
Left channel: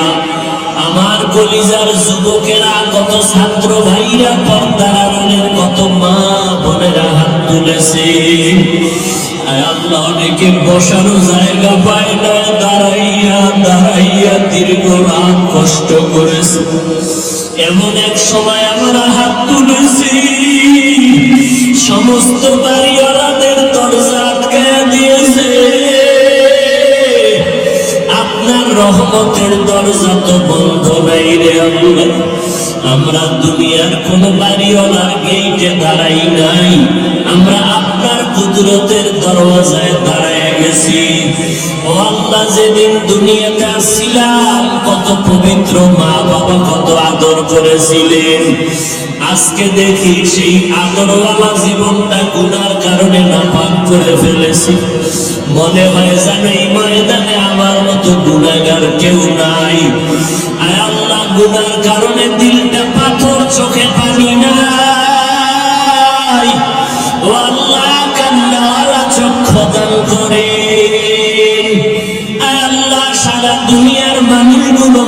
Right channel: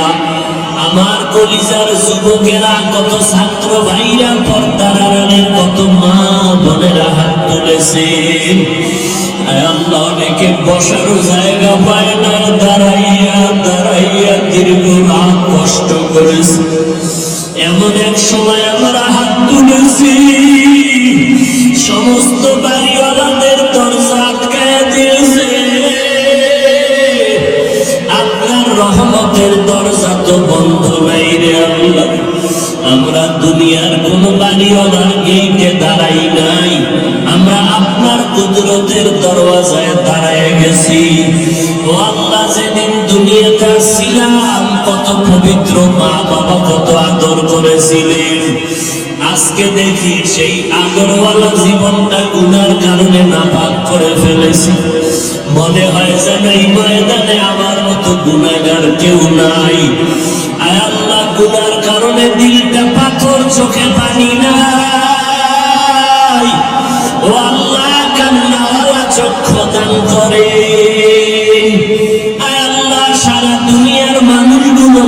আমার কলিজার যুবকেরা, কত ছাত্র ভাইরা, পর্দার আড়ালের কত মা বোনেরা হাত তুলেছে। আয় আল্লাহ, অনেকে বসারও জায়গা পায় না, দাঁড়াইয়া দাঁড়াইয়া দীর্ঘ রাত কষ্ট করেছে। এমন এক সময় আমরা হাত তুলেছি, সমস্ত বাড়িওয়ালাদের দরজা আটকায়া দিয়েছে। আপনার রহমতের দরজা তো বন্ধ নাই রে আল্লাহ। আমরা দুনিয়ার কোন বাড়িওয়ালার গেটে দাঁড়াই নাই, আমরা আপনার কুদরতের দরওয়াজায় দাঁড়ায় গেছি। ও আল্লাহ, যেদিন দুনিয়াতে আসছিলাম কত পবিত্র মা বাবা কত আদর করেছিলেন, আজকে দেখি সেই আদরওয়ালা জীবনটা গুনার কারণে নাপাক করে ফেলেছে। মনে হয় যেন এই ময়দানে আমার মতো গুনাহগার কেউ নাই। আয় আল্লাহ, গুনার কারণে দিলটা পাথর, চোখে পানি নাই। ও আল্লাহ, কান্নাওয়ালা চক্ষু দান করেন। আয় আল্লাহ, সারা দুনিয়ার মানুষগুলো